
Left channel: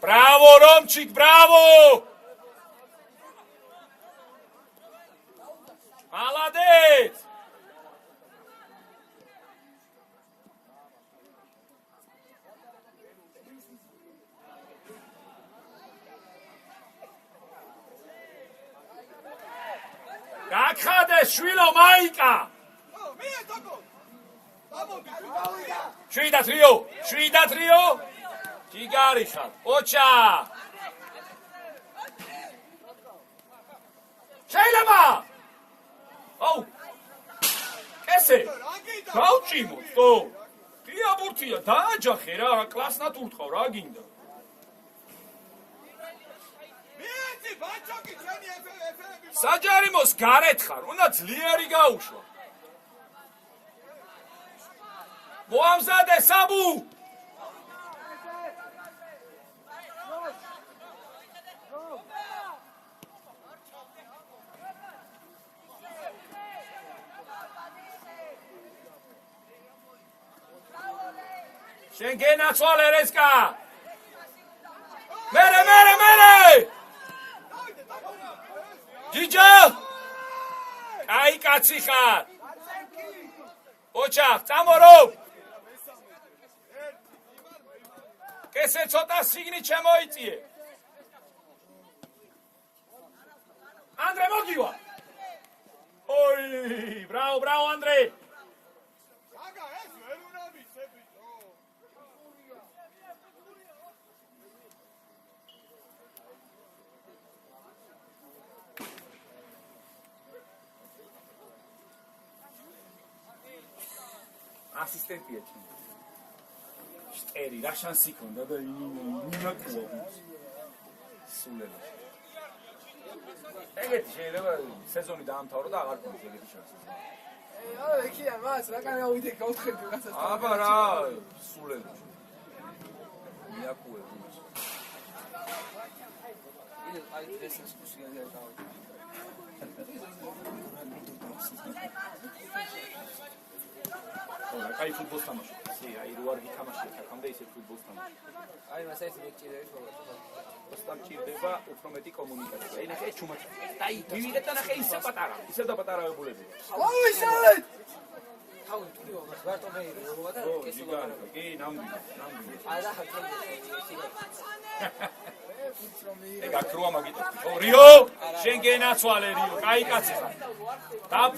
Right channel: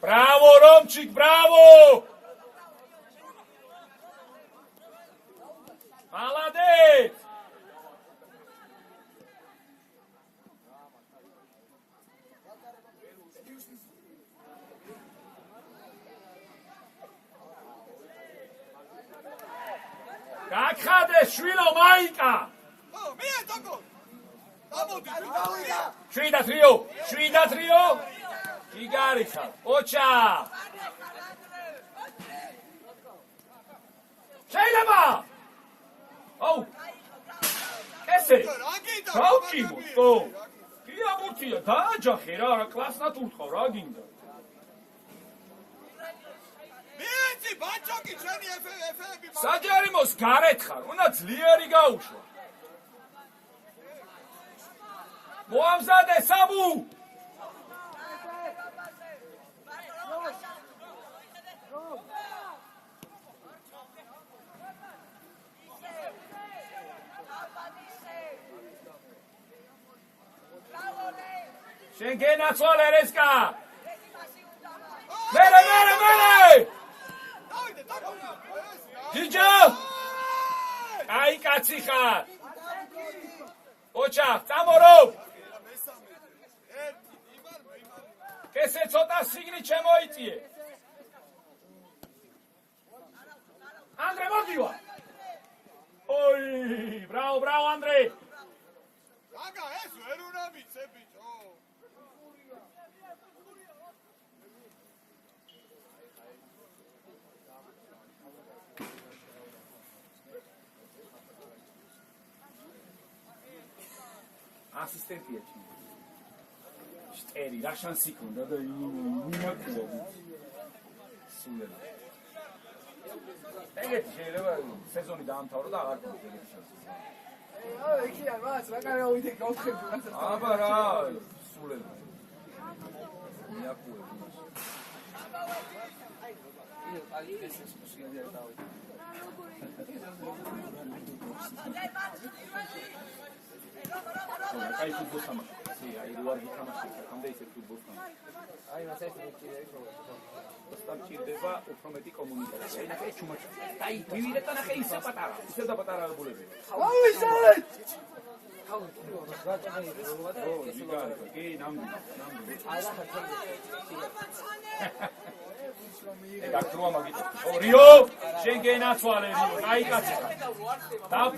Bravo, Romčík, bravo! Молодец! გახადეს შვილო მაიკა. შვიდათ რიო. ჯიგარიშა. ოჩა. შეიძლება. აუ. ესე. გავჭიმო. თო. ღია ბურთია, დააჯახე რა, კლასნად ურთხავ რა გინდა. საჯარიმოს გარეთ ხარ, უნდა ძლიერი გაუშვა. მოამზადე საბუ. შენ გენაცვალე რესკა. მერე. ჯიჯა! აი კაცი ხარ. ოჩა, წამორო. კესე ცოტა სიგნი შემოიწიე. ანდრე მოგივა. ოი, ბრავო ანდრე. რაგა ეს ვერ უნდა ვიცებიო. ასისტენტია ჩი. შტერი რა შანსი ქონდა და იმაკუო. სულელი. ეგეთი შეიძლება სეზონი დაამთავრო და აღარ გქონდეს ეგეთი შანსი. იქია მას რა კარი ავიდე გავხები რასაც. აბა რა სულელი. იმაკუო. ის აი ეს სულელი დავიწყე. აი ფუტბოლს თამაშობ. აი რო არ გითამაშე საკამდე ისე ფუტბოლს თამაშობ. აი მას ეს მიჭირებს. Ოსტამ ჭირდება უფრო მეტი კომუნიკაცია. ნახე ჩუმად. დაი, მივიდეთ და ნახე ისე პატარა. ისევ და პატარა აგულები. ავიშალეთ. თავი ტულიო ვარტონე როვა და ეს იგარი. კი, ნამდვილი. აი რა ხარ. ეგ აქ როა მაგიტო. რიო, შენ გენაცვალე რიო. აი კაცი.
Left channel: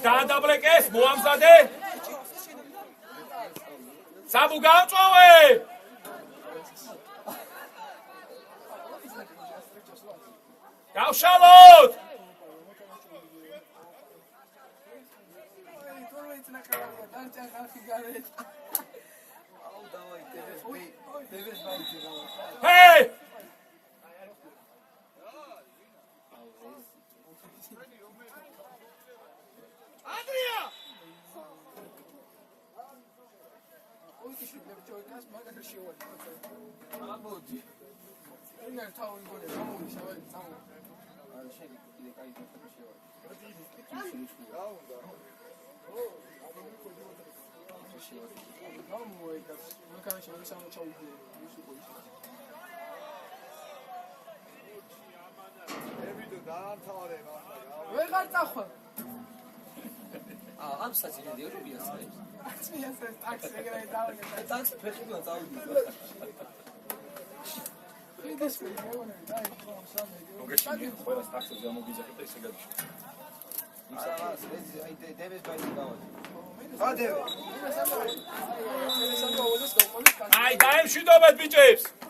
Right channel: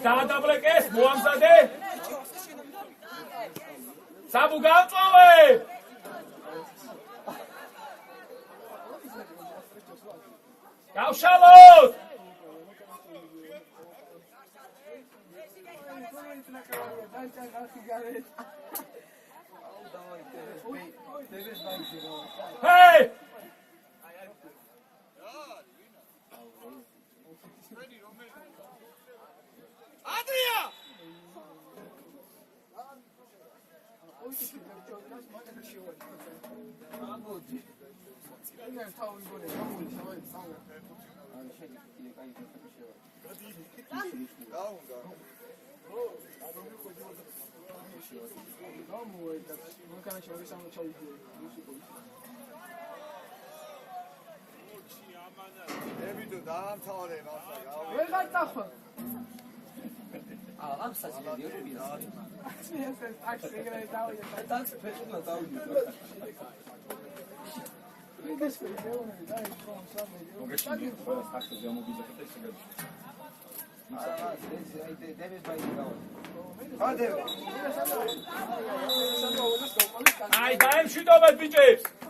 დაადაბლეკეს, მოამზადე. საბუ გამწვავე. გავშალოთ. ჰეი! ადრია! ებიდო დაამთავრე მართლა. ამ საჭირო დიობრიას. აი, დაემშვიდობეთ ბიჭებს!